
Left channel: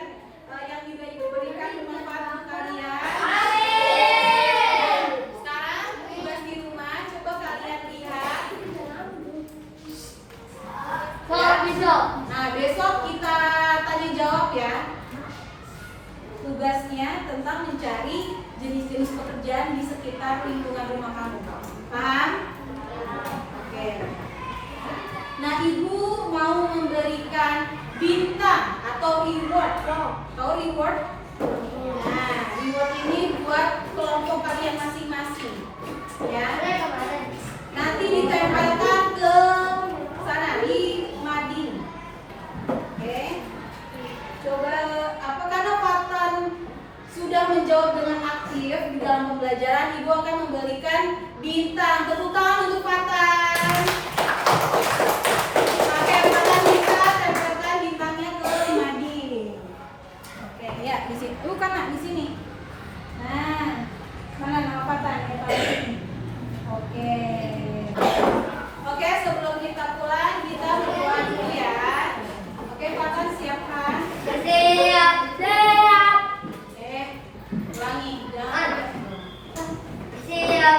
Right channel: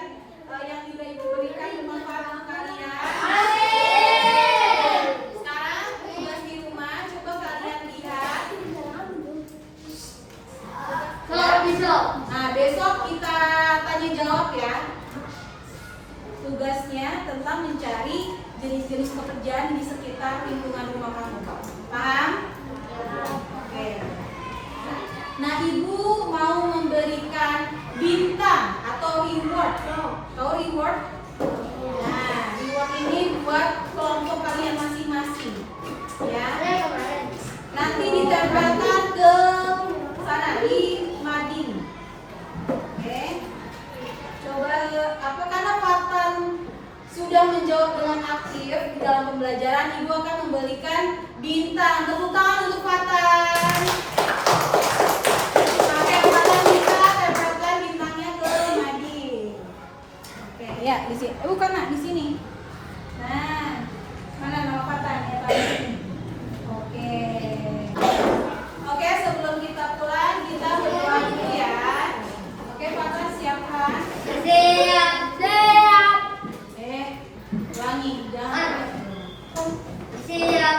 yang juga ibu berikan bermanfaat untuk kalian. Sekarang tugas di rumah, coba kalian lihat. Nah, besok kita tanya jawab ya. Tugasnya tentang mencari jenis-jenis pekerjaan di sekitar lingkungan rumah kamu. Paham? Oke. Nah, ibu mau memberikan bintang atau reward. Tahu reward? Nah, reward ini buat kelompok kalian masing-masing. Ya. Nanti ditempelkan ke sana di mading. Oke. Coba karena Fatan sudah menjawab dengan aktif di dalam pembelajaran, ibu akan memberikan bintang. Tepuk tangan untuk Fatan. Pakai Fatan kita tempelkan bintangnya ke mading. Oke, ya di sini. Bukan nak di sini. Nah, mana nama Fatan ya Pak? Oke. Oke, sebelum kita pulang kita berdoa dulu ya. Oke, Fatan siapkan. Siap. Ulangi, jangan. Siap.